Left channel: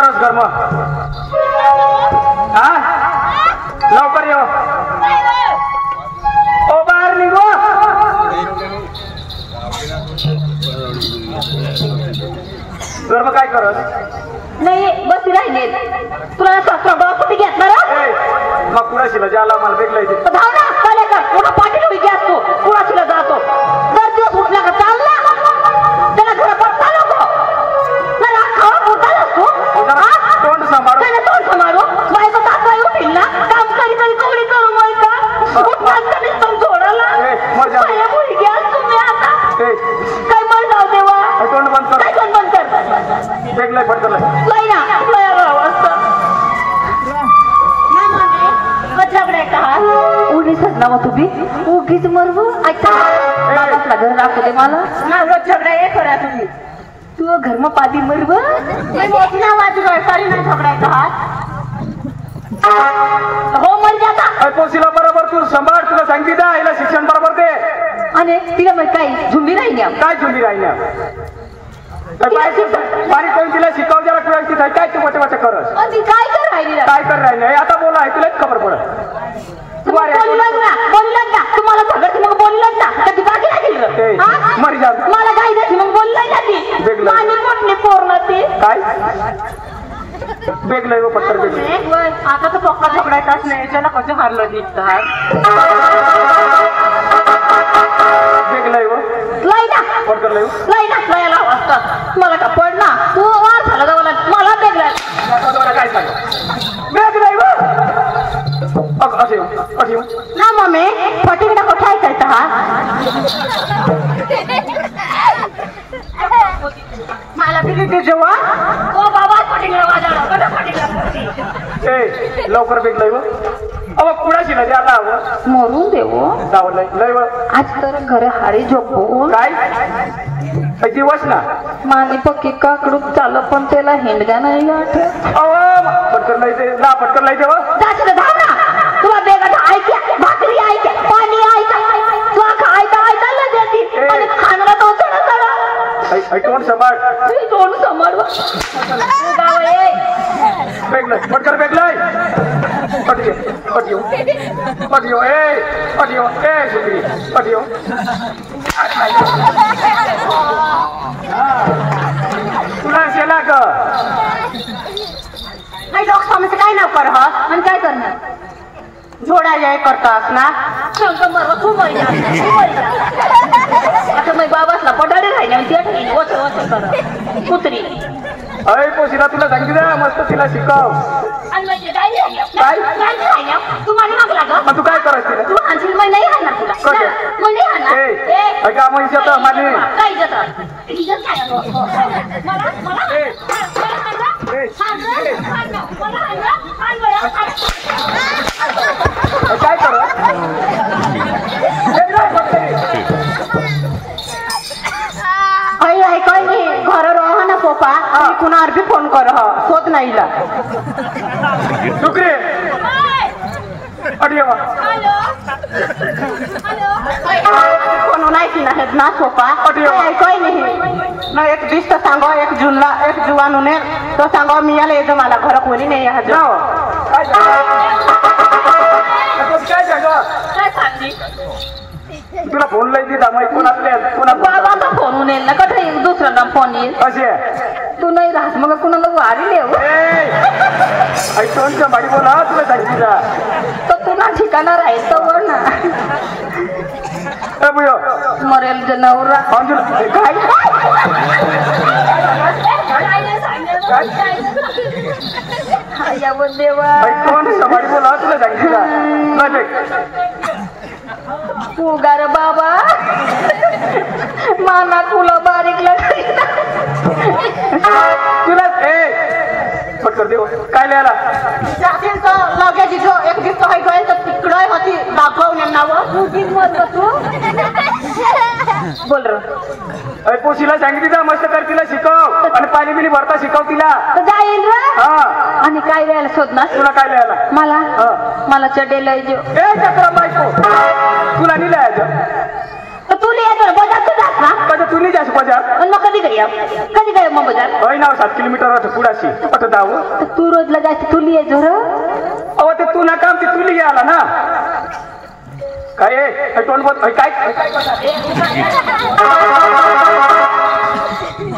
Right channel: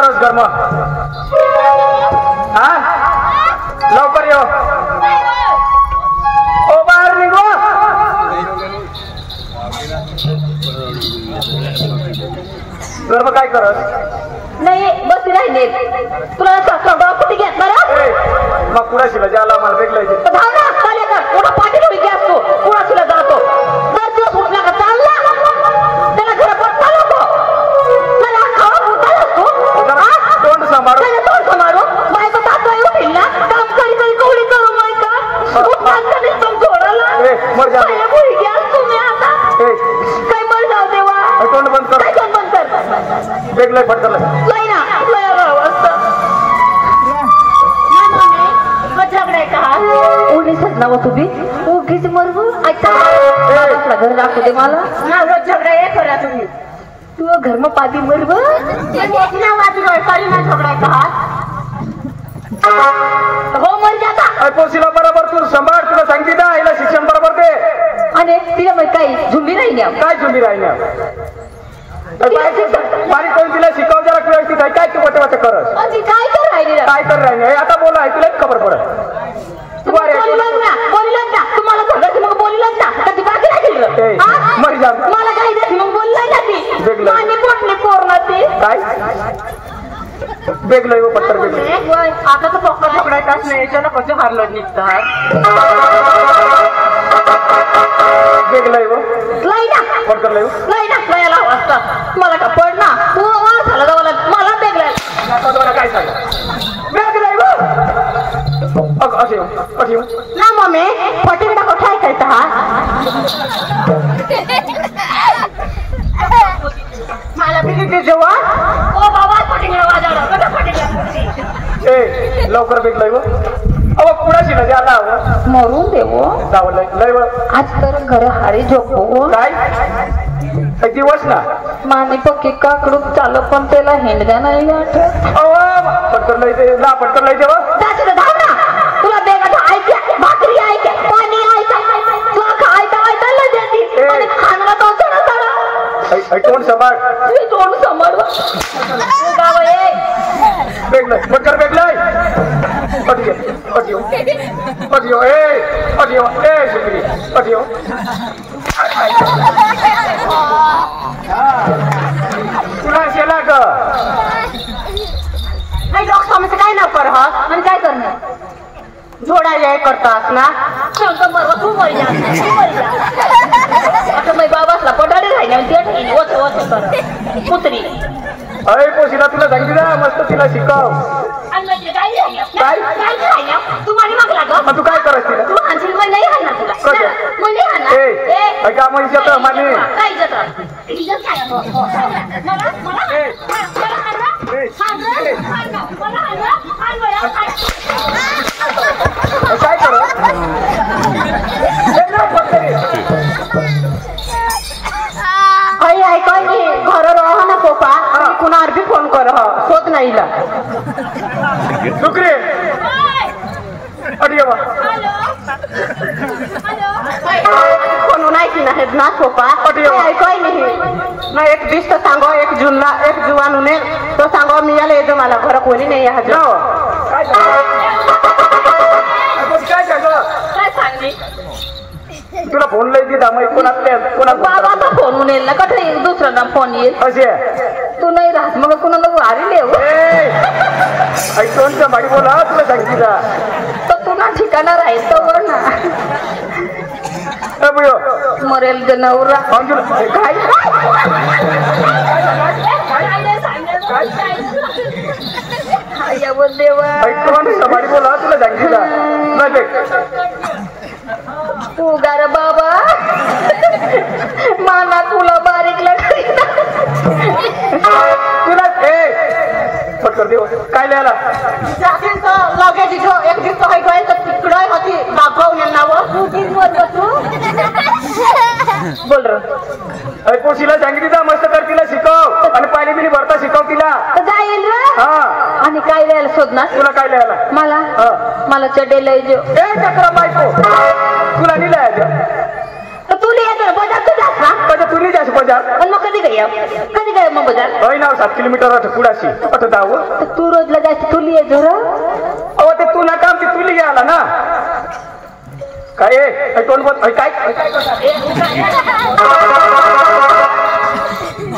करस घर मग हा लवकर येऊ ओ बाहेर निघो घर मग काय करत नाही बसली राहिले तुला डॉक्टर कुठे घेतणार मग कुणाशी ज्याला मला भेटलायचे धाव ना चाले कर पुन्हा पाठीला विजय असतो पुन्हा तुला जातो दर दिवस उठला का चालला त्याला घर बघता नको त्याला खावा मोठा नको तोंड सांभाळ त्याला तोंड सांभाळू बायको तात्काळ उठील ना काम करी करी कवडी करू माहिती उठला निसम सोडायला त्याला मुलगी असतो मी आता काय मर जाऊ देवा तोंड बंद कर काय तोंड बंद कर वेगळे फटकलं लय ना लय असतं ना मामे झगडाय का उगीच नाव तुम्ही उगीच मरवू अच्छा आपला घर राखू दे मला ना रोज झगडा हे करा तुम्ही तू घर में पादी मरव ना माझी वळकारी ना झगडाय का हो मर जाता पोसीला बरोबर तू सांभाळ तुला सांगते ना हिला शिक्षण बरोबर दे आणि तिला मग काही झुंबी राहिल्या काय झुंबी राहिल्या पाणी कोण तिला शिकव जरा व्यवस्थित आहे काय तू वाटे वाटे करस काय कर राहिली काय कर राहिले आता बोला आहे तुलाच खबर पडत तुम्हाला सगळं मग बोललाच ना कधी बाकी नाही मरी जा मला काही देत मग बोललाय ना ती आणि पोटली पोरला ते काय बेगलंय पत्तर बेगलं आता तर पक्का झगडायचाच नाही याच्याला कसं हारलो निघतात बेगलंय लय ना पत्तर लय लय ना लयाला वाजता मला का पड ना तू वर झाला जावला मला बेगलाय काय सांग बेगलंय असे असे ना मम्मी फटीकडा कोठा ऐकायचा हा मला किती जेव्हा ओ बाबा फटीकडा वाजवला कसा फटीकडा ए लवकर बेगलंय अहो कुणाशी ना द्यायला हवं मरून देवो जावं लय आज तर घर हारी झोपो काय दिवस ना माने पक्की काकडूक चालत पण त्याला हेंडगा नाही आठवत पटकन नाही ते ना पटकन नाही तेव्हा तुला बेगाचा ऐका भाकरी ऐका पाणी ऐका तुला खायचा ऐकायला देते आणि खाणला तो तोंड सांभाळ तुम्ही तोंड सांभाळ बेगलंय पटकन बेगलंय ऑडिओ ए सुंदरी ऑडिओ तुला शेला ग नाही डॉक्टर आमचं काय ना कर हा आणि काय करणार जोडायला करतात ना तू आता मी बाबासला पडाडी राहिली ते वच वच कर पुत्री अरे पोशीला तुला सांगते ना मस्त तिला शिकव आणि म्हणजे काय राहिल्या तू माझी मागला का तू काय करत तिला तू आणशील मग नाही राहणार तुला मग नाही राहणार ऐका मग इज्जत माने काय इज्जत काय मला मला काय करत ऐकाय की घर रहा ना पोपा कुणावर बी फोन कर होत नाही दुकरे अडिया कोण नाही की नाहीत ना पोपा ऐकाय नाही ना एक दिवस सांगा एक जूनला एक जुवान उनेल तो सांगा मी याला येतो मला घर कोणी नाही काय सांग काय सांगली तुला फोन लई दिला मग बाबाचा फोन उनेल ना कथा दुसऱ्यांना फोन येईल असे तू नाही राहत मग कुणाला वारी लेव कोणतं माडी बोला तुला सांगते का तर पुन्हा ठिकाणा राहायचं वर ना मरेल जनावर देवा माडी बोला तुला सांगते का उगार बाबा माना फुला बारीक काय लिहायला एक दिवस तिकडं होती दाखवून बोल अरे पोशीला सांगितली ना मस्त कर तिला शिकव आणि पाणी बिणी भरता शिकव तिला जाईल आणि काय लिहायला शोधणार तुला काय लिहायला मला चढेल चक्र बायको तुला नाही लिहायचं तू लिहायचं कधी तू नाही जायचं बाजार आणि मग कधी काय मग बाजार होय ना 7 किलोमीटर पुढाशी आता जाऊ तू रोजला जायचं तुली आहे जोर अहो ते तू ना काम ते तुली आला ना काय कोण बोल काय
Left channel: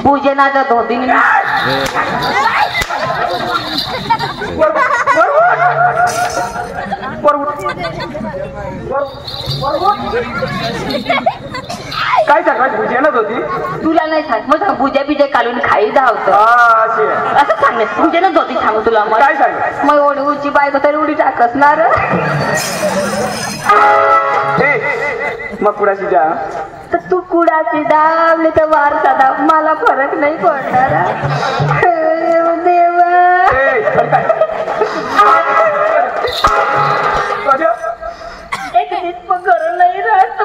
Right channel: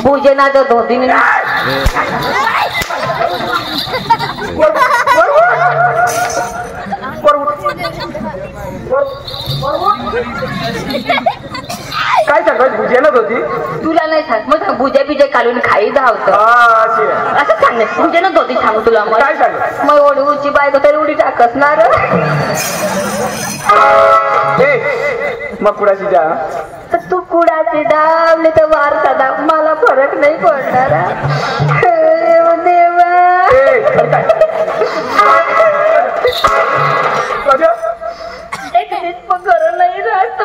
पूजे ना तर धोबी काय सांगत भुजेनच होती तुला नाही सांग मग भुजा बिजा काढून खाई धावत असं सांग भुजेनच होती सांगू तुला मग काय सांग मग एवढी उची बायको तर एवढी टाकसणार मग कुणाशी जा तर तू कुडाची दावली तर वारसा दाव मला फरक नाही पडणार देवा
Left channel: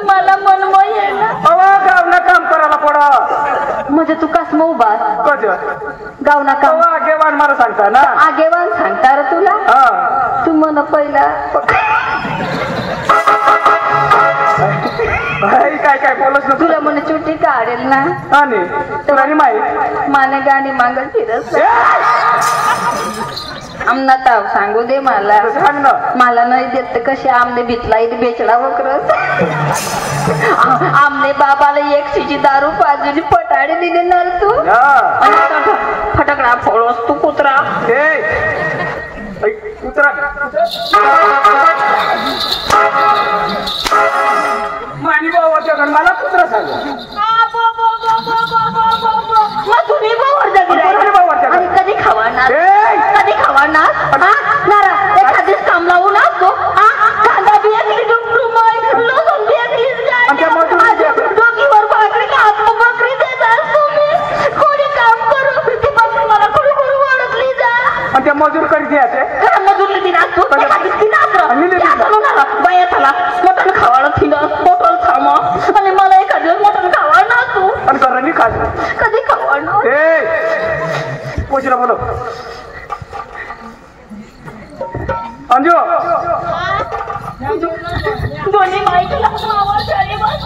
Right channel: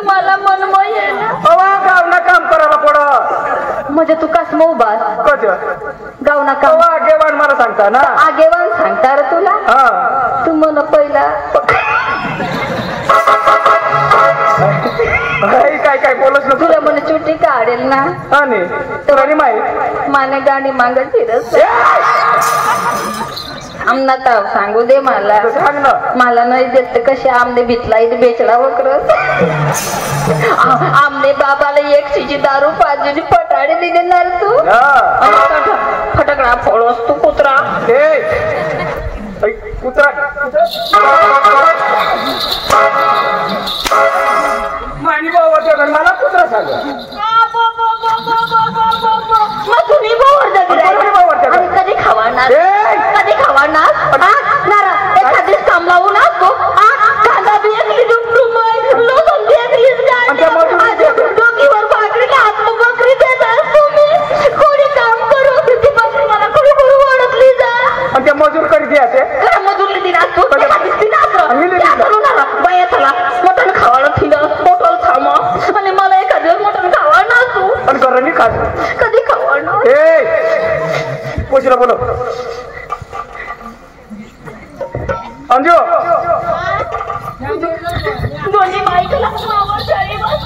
मला मन काम करायला पड म्हणजे तू कस उभा कज गावना काम आगेवान मला सांगता ना आगेवान सांगता रे तुला तू मन पहिला काय काय बोलत ना तुला मला चुटी काढेल ना आणि तुला नाही माहित माने गाणी मागत फिरत आमना ताव सांगू दे मला सांग ना मला नाही देत तर कसे आमने भितला इथे बेचडा वक्रस आमने बाबाला एक शिजी दारू पाजली पटाडे दिले ना तू फटकडा फोडोस तू कुत्रा कुत्रा मानी बाबाच्या मला कुत्रा सांग मग तुम्ही कधी खावाणार एखादीच काम लावू ना तो कांदा बिया डोकीवर भाकरीला हात बकरी देतात तुम्ही कोणी काम करू मला कुळू वाढतली जा त्या मजूर करी घ्यायचे मजूरली दिनात बाया चला मटण खावाडा थिला बॉटल थांबा आणि मला एखाद्या मटण खावा ना तू आणि कधी खात कधी खावा कोचिला बोलो अंजू दोन्ही माईकला मावा झाली बस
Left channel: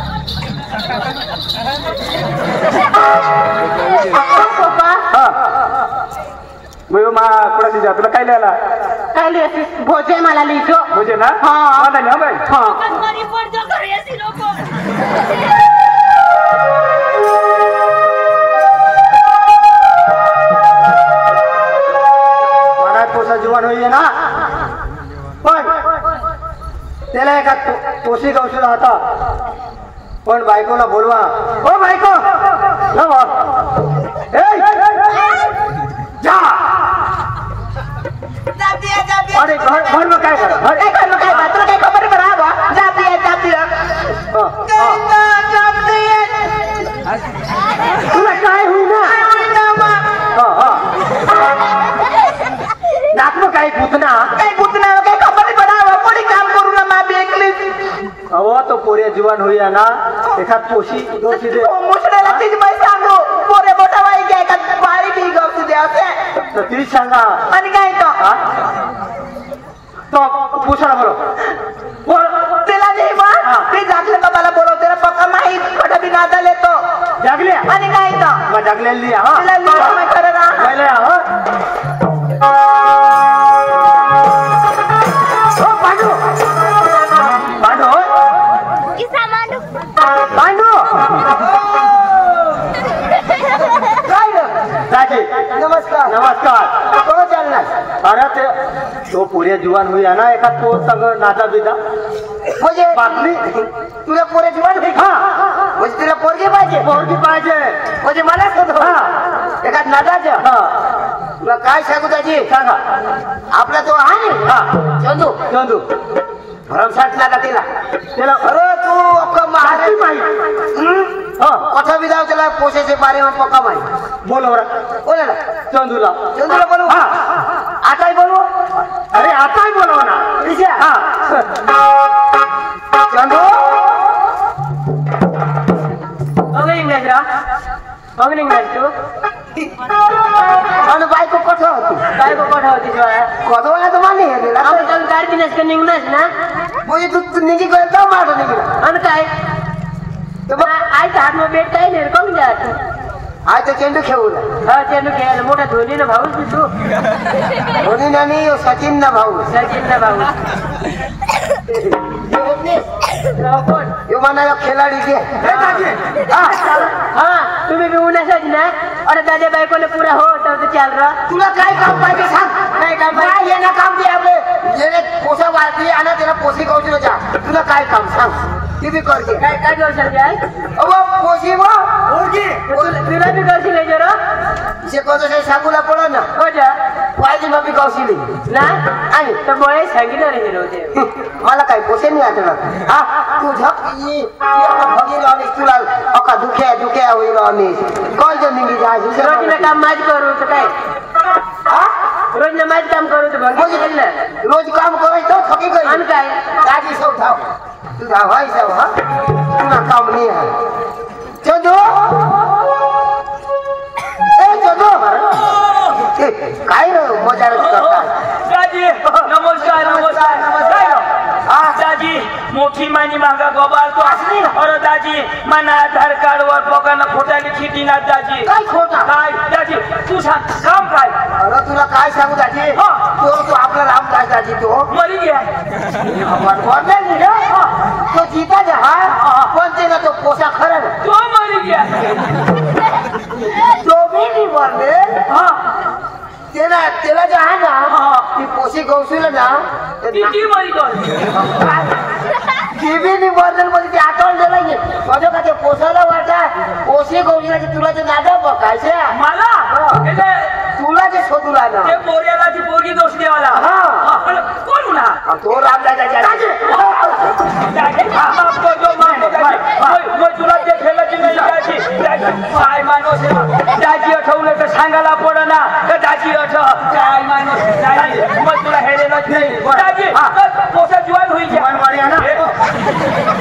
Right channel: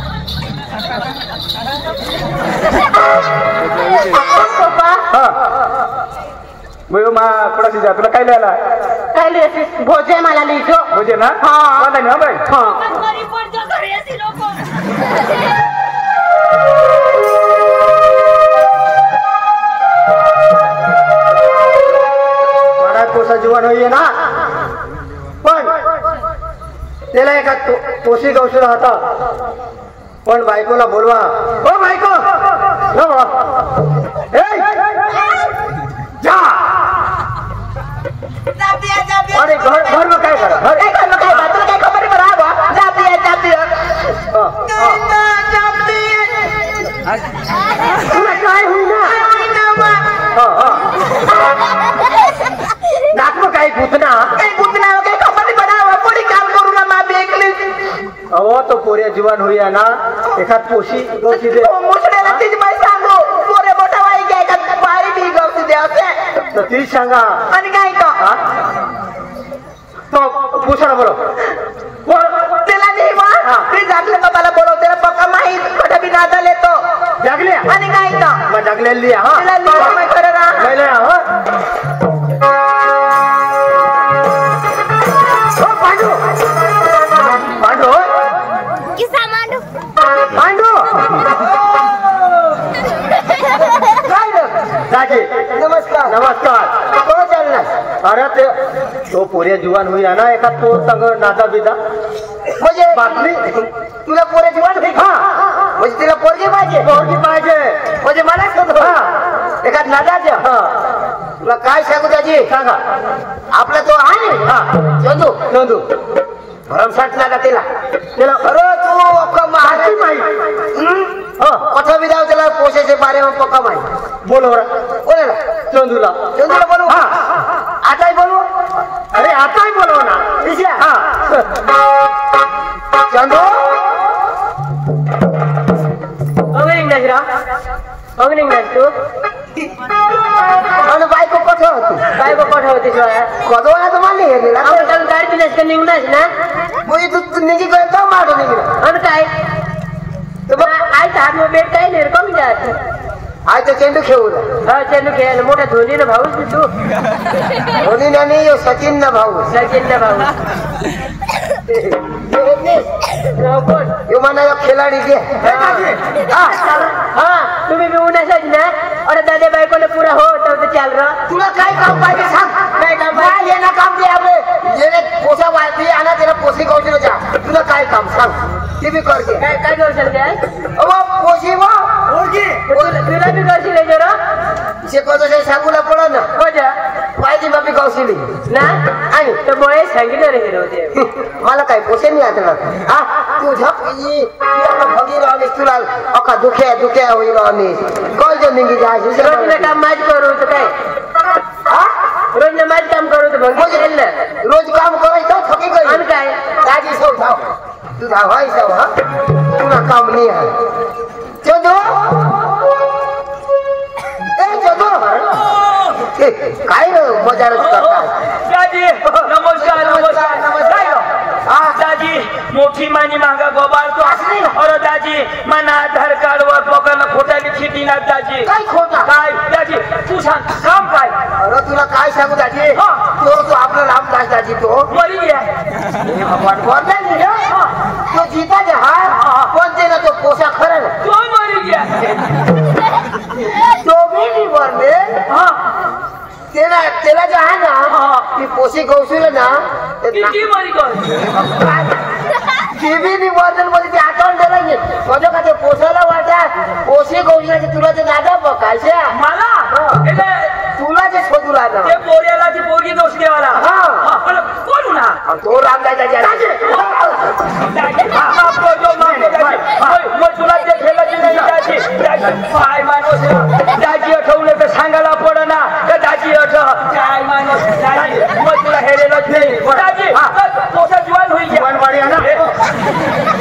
कुणाची जा तुला काय लिहायला काय भोजे मला लिहितो भोजे ना पोसा जीवन होईये ना पण त्याला एका पोशी गवशी राहता पण बायकोला बोलवा हो बायको जा अरे घर में काय करा घर में काय बात काय खबर बराबर तुला काय होईल नाकलो काय गुतना काय खबर बराबर कोणी काम करू ना मा बेकली अहो तो पोऱ्या जीवन होईया ना एखाद पोशी गवशी दे मुसड्याला तीच माहिती सांगू पोरे बटावाई काय का बाई बी गवशी दे असे तर ती सांगा आणि काय का तो पुसाला बोलो बोल त्याला नाही बा ते जागले बाबाला बोलव त्याला पक्का माहित खोटा बी नादा लेतो जागले आणि काय का मग जागले लिया हा तिला लिया मी खरं ना गेले हा ओ पांडू पांडू किसा मांडू पांडू काय रे दाजी नमस्कार नमस्कार तो चालला अरे ते तो पोरे जीवन हुई ना एका तो संग नाता बिदा म्हणजे बातमी तुला पोरे जीवन हुई हा म्हणजे तिला पोरगी पाहिजे म्हणजे मला सांग एका नादाचं हा तुला काय सांगू त्याची सांगा आपला तो आहे ना चंदू भरमसाठला का तिला अरे तू अक्का माहिती कथा विधाव त्याला पोषेचे बारे में पक्का माहिती बोलो बोले ना चंदूला बोलो हा आताही बोलू अरे आताही बोलव ना हा चंदू इंग्रज तू आणि बायको कथा होती कधवला तर मानली आपण काय दिलेस का इंग्रज ना म्हणजे तू निघी काय मार निघिला आणि काय आणि काय तर मग आज हातमा भेटता येईल कमी जात आज तर चेंडू खेळू हा चेंडू खेळायला मोठ्या धोनीला भाऊच तू धोनी नाही सचिन ना भाऊ सचिनचा भाऊ म्हणाला खेळाडी घे हा तुम्ही घेऊन असाच ना अरे दादा बायकोला पुरा हो तर चाल रहा तुला काय काम पाहिजे सांग काय काम काय येणं काम दे आपले येणे पोसा वाढली आणि त्याला पोसी कौशल्य जा तुला काय काम सांग ते बी करते काय काय करू शकते आहे पोसी वा तुला बी करशील हे जरा शिकवतो ते सांगूला पडो ना हो जा पाहिजे बाबी कौशली ना आणि तर मुळे सांगितलं रे होते मला काय पोसे नाही आता हा तू झपकी भगी राहलीस तुला अका दुख्या होईल राहलीस काय जो निघी जायची रोजचं काम माझ करू तर काय रोज माझ काम करू तर रोज काम करायचं थकी गई आणि काय ताजी सौ धाव तू धावाय सौ हा तुला काम नाही आहे चंदू ए चंदू काय रे मजा दाजी नमस्कार दाजी मोठी मानी मागा गोबारतो अरे दाजी मना आधार कार्ड वर लोकांना खोटाने चिठी ना दाजी काय खोटा काय दाजी तू सांग काम काय अरे तुला काय सांगू दाजी तो आपला रामदास दाजी तो मरी गया तो जीता जा पण ते ना तो पोसा खरं तो मरी गया तो भी नहीं मरले त्याला जे आहे ना ती पोशी कौशल्य ना किती मरी गई ती बी नाही मरले मध्ये ते आठवण दिलं नाही माझं का ते पोसायला वाटत पोशी कौशल्याची तुला ते नादा बघायचे मला तुला ते शोधू लागला ते पोऱ्याला ती पोरगी दोष देवाला कोण ना तो रामदास तुला ते खेळलं की नाही काय माणूस दाजी आठवलं तर सांगायला पड ना तर दाजी आठव काय माणूस मग तुला हेरेलच नाही दाजी पोसा जीवन होईल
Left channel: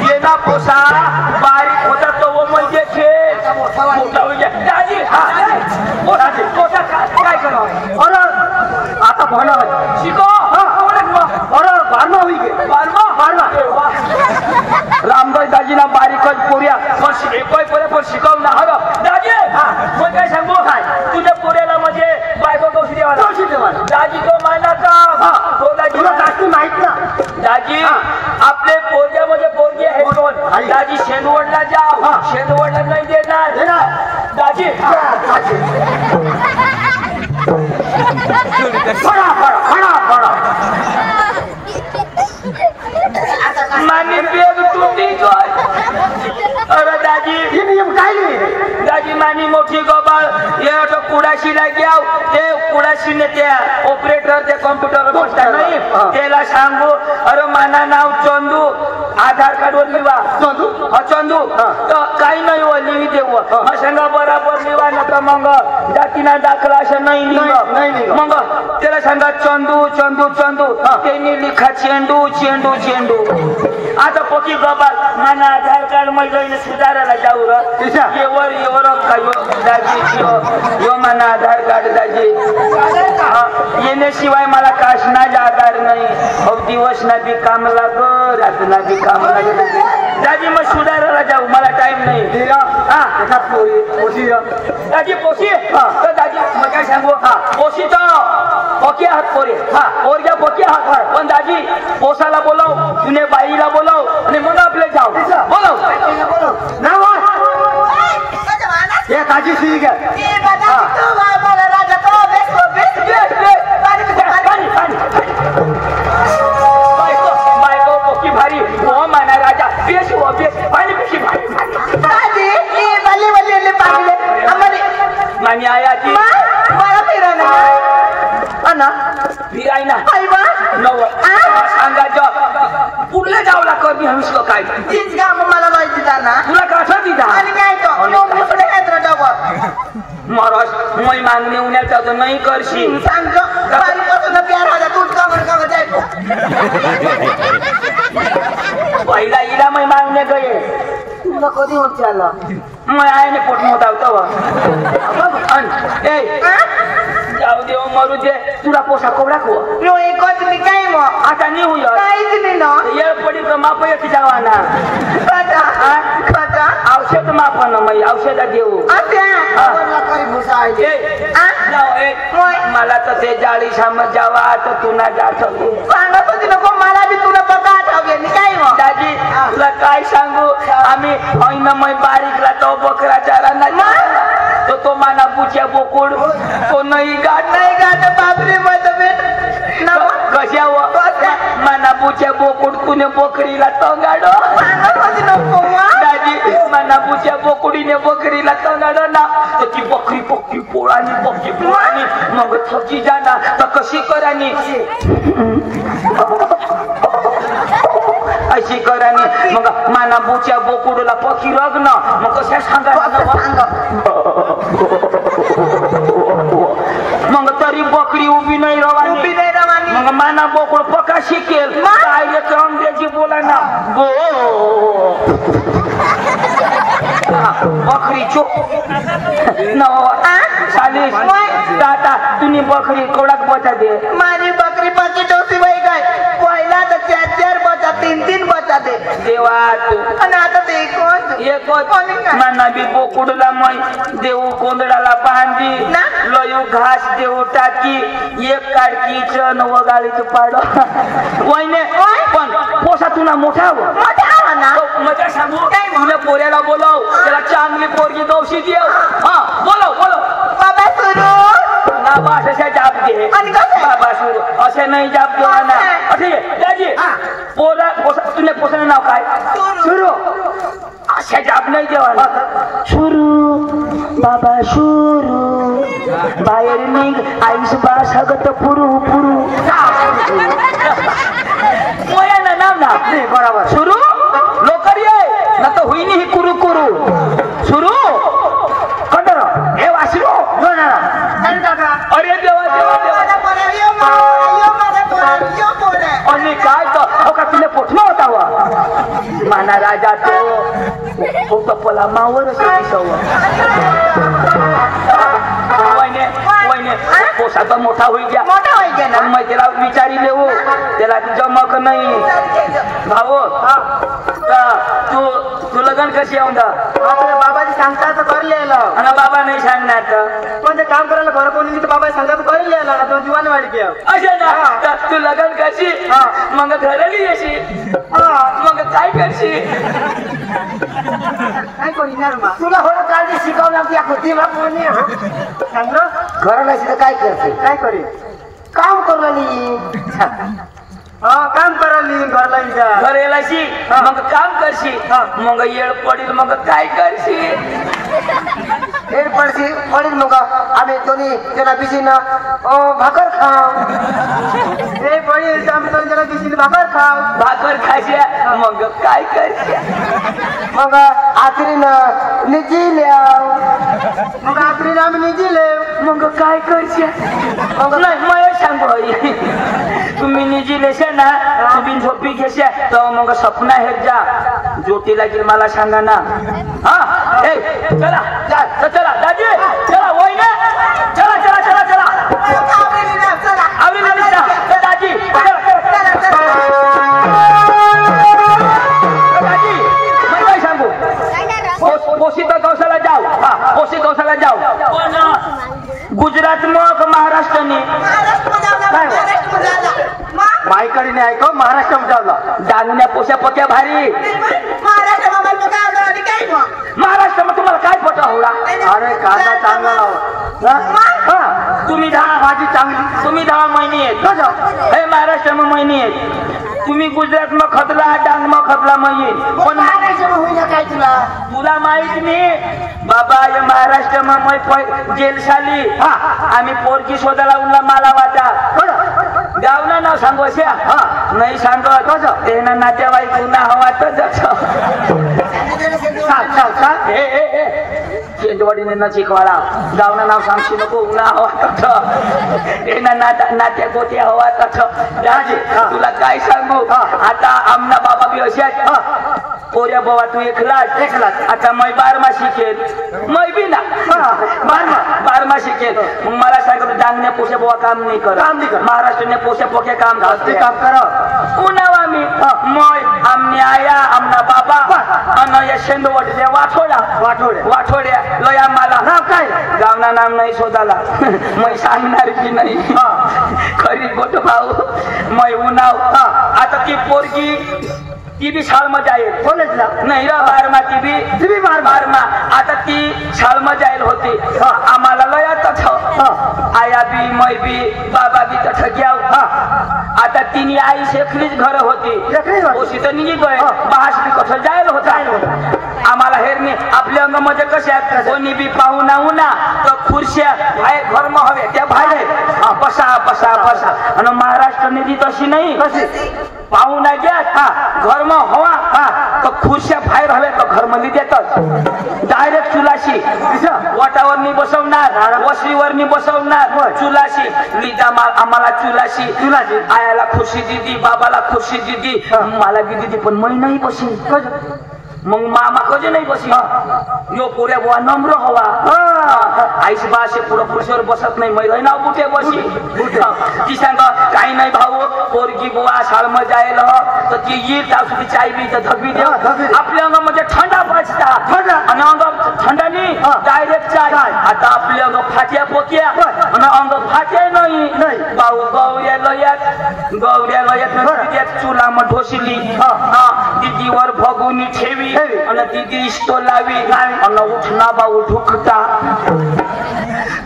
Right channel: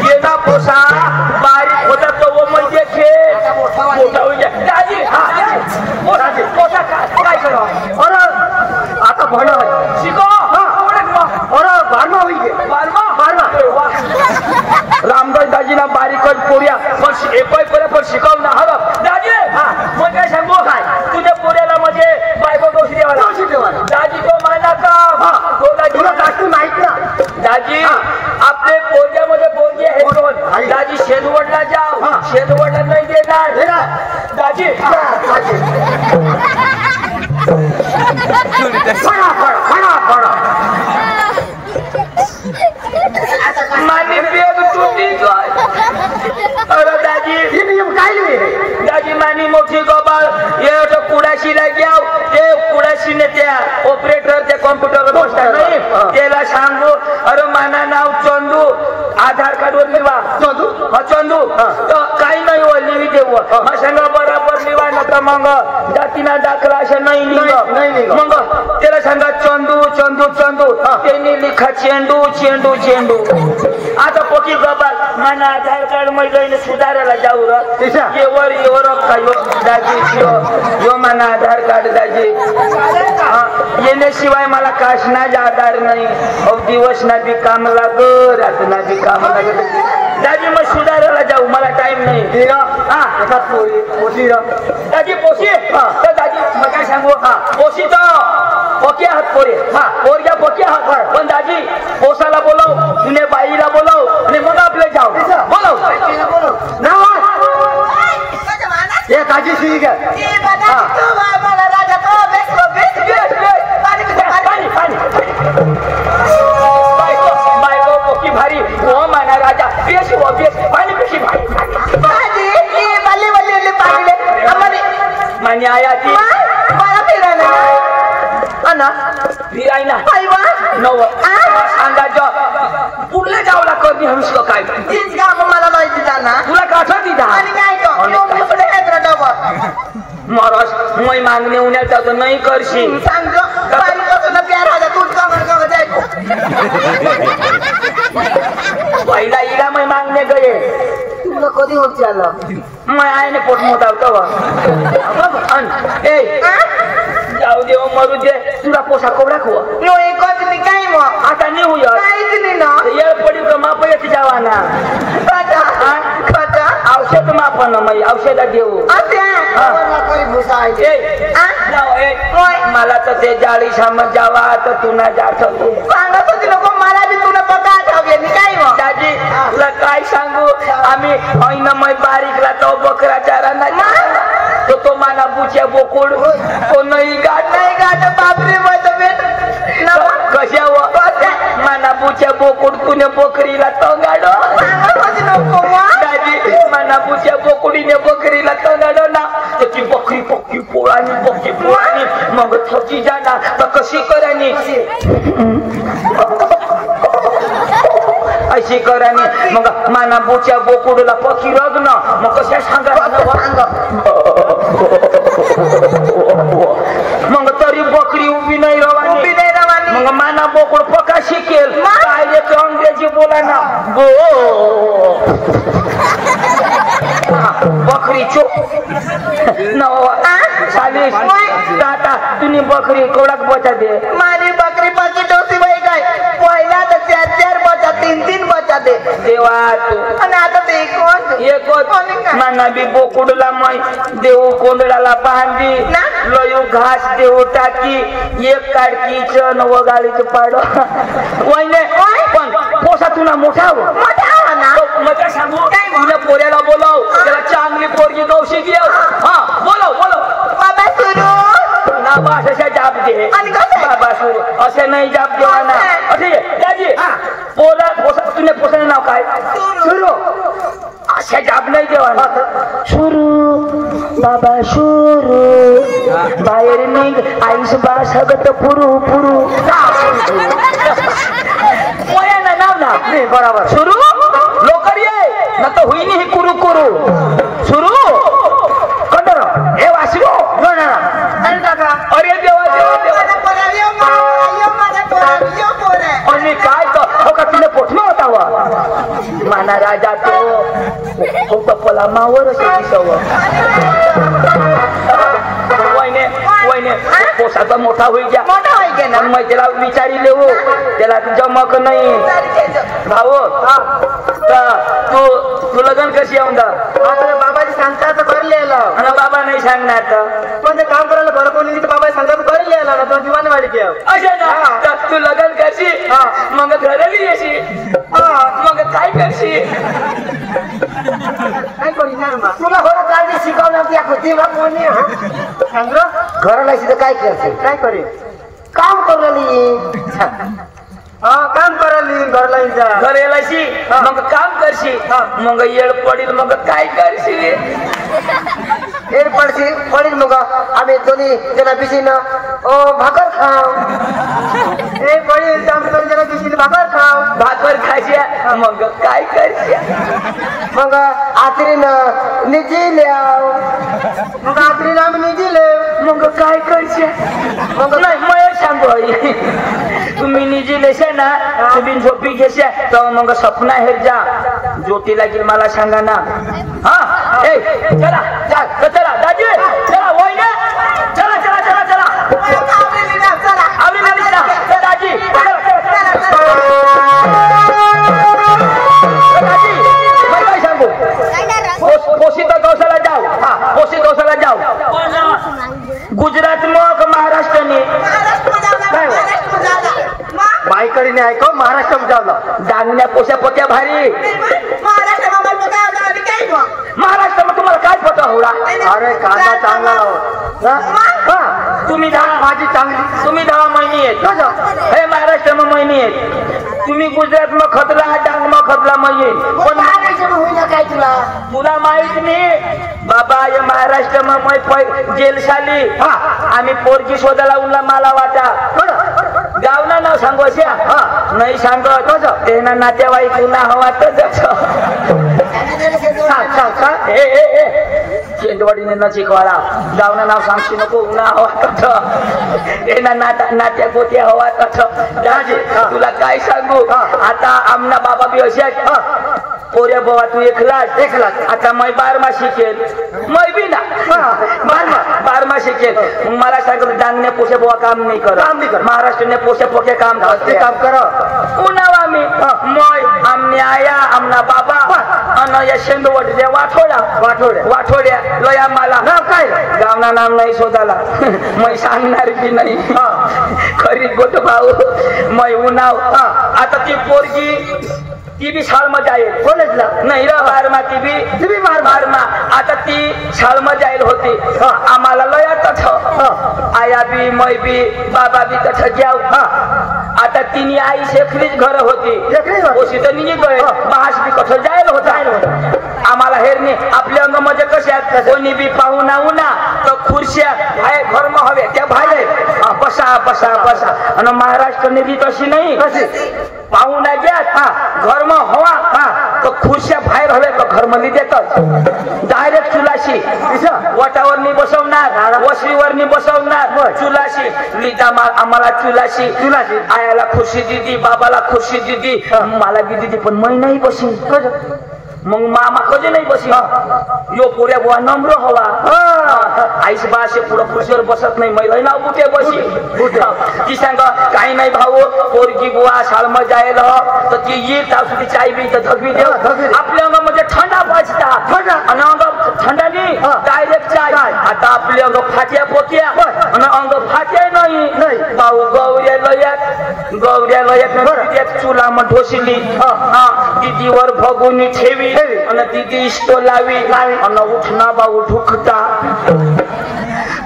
ये ना पोसा बारीक होता तो वो म्हणजे खेळ दाजी पोसा काय करू आता भरलं शिको बारमा होई गे रामदास दाजीना बारीकच पोऱ्या पण एकच पोऱ्या पण शिकवलं हवं दाजी मग काय सांगू काय तुझ्या पोऱ्याला म्हणजे बायको गोष्टी द्यावा दाजी तो मायला का तो दाजी तू नाहीत ना दाजी आपले पोरग्यामध्ये पोरगी आहे कोण दाजी शेनवडला जाव शेनवडला नाही देणार दाजी मानी बेग टूटी अरे दाजी काय नाही दाजी नानी मोठी गोबाळ हे तो कुडाशीला घ्या ते कुडाशीने त्या ऑपरेटर त्या कॉम्प्युटरवर बसतात नाही त्याला सांगू अरे माना नाव चंदू आधार कार्ड वर लिवा चंदू तर काही नाही हो लिही देऊ सांगा बराबर लिवा ना तर मग जातीना दाखला असं नाही मग त्याला सांगा चंदू चंदू चंदू त्यांनी लिखा चेंडू चेंडू चेंडू आता पोटी गोबाळ माना आधार कार्ड मध्ये सुधारायला जाऊ येवर येवर दाजी यो मला आधार कार्ड दाजी येण्याशिवाय मला काशनाच आधार नाही दिवस ना बी काम लाग रात ना बी काम लाग दाजी मग सुधारायला जाऊ मला टाइम नाही दाजी पोशी तर दाजी मग काय सांगू पोशी तर पक्के हात पोरे पोरग्या पक्के हात पण दाजी पोसाला बोलाव तुने बाईला बोलाव आणि मग आपले जाऊ बोलाव ये काजी ठीक है बायको पोकी भारी वो माना राजा पेशी हो पाणी पेशी भारी मानी आया ती फिरायला नव सांगा पुढले जावला कमी हंस काय तीच काम मला माहिती त्यांना तुला काठा दिला महाराज moi मागणे उन्हाचा तर नाही करशी पहिला इला मै मागणे गये तुला कधी होत आलं मैं आयने पोट मोठा होतो जाऊ देव मरू दे तुला पोसा कोबडा खो आता नाही होईल ये पडी का माप येते जावाना औषध मापन मग औषध देऊ मला तर ते जाळी सामत जावा तर तुला जात सांगत होती नको मला बी तुला बघा काय दाजी तुला काय सांगू आम्ही बारीक राहतो बकरा चारा नाही तो माना बुच्या बोकुड तो नाही गाठ बापरे कशावर माना बुच्या बोकुड तुने बकरीला तंगाड दाजी माना बुच्या बोकुडीने बकरीला तंगाड ना त्याची बकरी पक्की पोळानी मग थकी जाणार तर कशी करानी अशी करानी मग माना बुच्या बोकुडला पक्षी रग्न मग कशा सांगा मग तरी बकरी उभी नाही रवानी मग माना बोकुड पका शिकेल काय येते अंग्रेजी बोला ना बकरी चुप चालीस टाटा तुम्ही बकरी कोडाक बचा दे माझी बकरी पाची डोसी बाई काय पहिला तर 4 बचा 3 बचा दे देवा आणि आता ते एकच माना बी बोकुडला मै देऊ कोंदडाला बांधी लयू घास देऊ टाकी एक काडकीच वगाळीच पाड वयने पण पोसा तुला मोठा नका सांगू तुला पोऱ्याला बोलाव त्याला चांगली पोरगी गवशी घेऊ हा बोलव बाबा सुरू ना बास असा जाप दे बाबा सुरू असे नाही जाप देवा ना ठीक आहे दाजी पोसा तुला पोसाचं नाव काय सुरू अशा जाप नाही देवा ना सुरू बाबा सुरू बाहेर निघ आईस बाळासाहेब पुरू पोऱ्याला नाव ना बरोबर सुरू लोकर ये ना तर होईनी ही कुरू सुरू कंटर हे वाशिरो अरे देवा आणि काय तो का तिने पोटला होता वा माना राजा तो कपला मावर वयने पोसाचा मोठा होई गया पण मग त्याला विचारी लेऊ त्याला जमक नाही भाऊ तू लगन कशी येऊन बाबाची सांगता तर कर लिहिला आणि बाबा नाही सांगणार पण ते काम करायला बरं कोणी बाबा सांगता तर कर लिहिला तो जीवान वाढ अशा ना तू लगन करशी मग घरली येशी मग काय करशील काय करणार तुला हो काळजी शिकवणार या खुटीला कोणी सांग घराला शिकत काय करते काय करेल काम करली काम करायली घरेलाशी मग काम करशी मग येळ पडील मग काय करशील येळ पडील मग आम्ही दोन्ही त्याला बिशीनं भाकर खाऊ हे पडील आम्ही दोन जण बिशीनं भाकर खायची मग काय करशी मग आखरीनं निजी मग आखरीला आम्ही निजीले मग काय करशी मला सांगू तुम्ही निजी लेशा ना तुम्ही झोपी घेशा तर मग सपना हेर जा ज्योती लागेल मला सांगा ना हा ए चला दाजी चला वहिने चला आवडी ना दाजी दाजी सांगू पोशीता गौशाला जाऊ पण गुजरात मग महाराष्ट्रने माईकडे नाही ऐक महाराष्ट्रात जाऊ डांगण्या पोशा पक्या भारी महाराष्ट्रामध्ये तुम्हाला काय पता होला अरे कांदा चांगला तुम्ही 10 भाजी चांगली तुम्ही 10 महिने आहेत हे महाराष्ट्रामध्ये महिने आहेत तुम्ही गुजरात मग खतला डांग मग खतला मग येईल पण काय तुला माहित नाही बाबा हे महाराष्ट्र मग जेल साली आम्ही पोरगी शोधायला उरला मला वाटा गावना नाव सांगू नाही सांगत तेना नातेवाईक पुन्हा हवा चेंदवाडीने न शिकवाला गावना नाव सांगशी नको उन्हा हवा तेना नात्या गोत्या हवा दाजी तुला काय सांगू आता आमना बाबा बी असे आहेत पोऱ्या बाबा तू एकलाच आता मै 12मा शिकेल मै बी ना 12मा शिकेल मग मला सांगितलं डांगणे पोषे बाबा काम नाही कर महाराष्ट्रने पोषे पोके काम कर उन्हावा मी मै आमने आया आमना बाबा अन या शेंदवट जे वाठोड्या लया मला काय गावना नाम नाही शोधाला मै सांगणार की नाही खरी गोट भाऊ मै उन्हाव आता ती पोरगी ती बी शाळेमध्ये आहे कॉलेजला नाही रा 12मा ती बी 12मा आता ती शाळेमध्ये आहे होती आम्हाला लयातच आया बी मै बी बाबा बी तठ घ्याव आता तिने आई शेखरीच घर होती तर निघी गय बाहास बी कठ जायला होता आम्हाला हेरणी आपल्या अंगामध्ये कशा कोणी बी पाहुणा उन्हा तर खुर्च्या आहे घरमा हवे त्या भाडे बसा आणि महाराष्ट्र निधी तशी नाही पाहुणा घ्या घरमा हवा तर खुर्च्या बाहेर हवे तर घरमध्ये देतात डायरेक्ट चुलाशी वटावर नाही बसवणार वसरीवर नाही बसवणार चुलाशी निदा आम्हाला चुलाशी आयाला खुर्शी दिदी बाबाला खुर्शी दिदी मला बी दिदी पण मै नाही बसी मग मामा कधी नाही बसी यो पुऱ्या बुवा नम्र हवा आईस बासे पुढं खुर्शीवर बसत नाही महिला नाव कुठे बसी ती सांग काही नाही भाऊ पोरगी बुवा शाळेमध्ये जायला तर ती येत असू चाय बी तर धगवी दे आपल्या अंगामध्ये थंडा पाजतात आणि अंग थंडानी डायरेक्ट चाय आता आपले अंग फाट्या पोक्या आणि अंग फाट्या नाही भाऊ गौऱ्या लयात चुला मग ढोसली दीदीवर भगुनी ठेवी आणि दीदी इष्टो लावी आणि उठना भाऊ ढुकता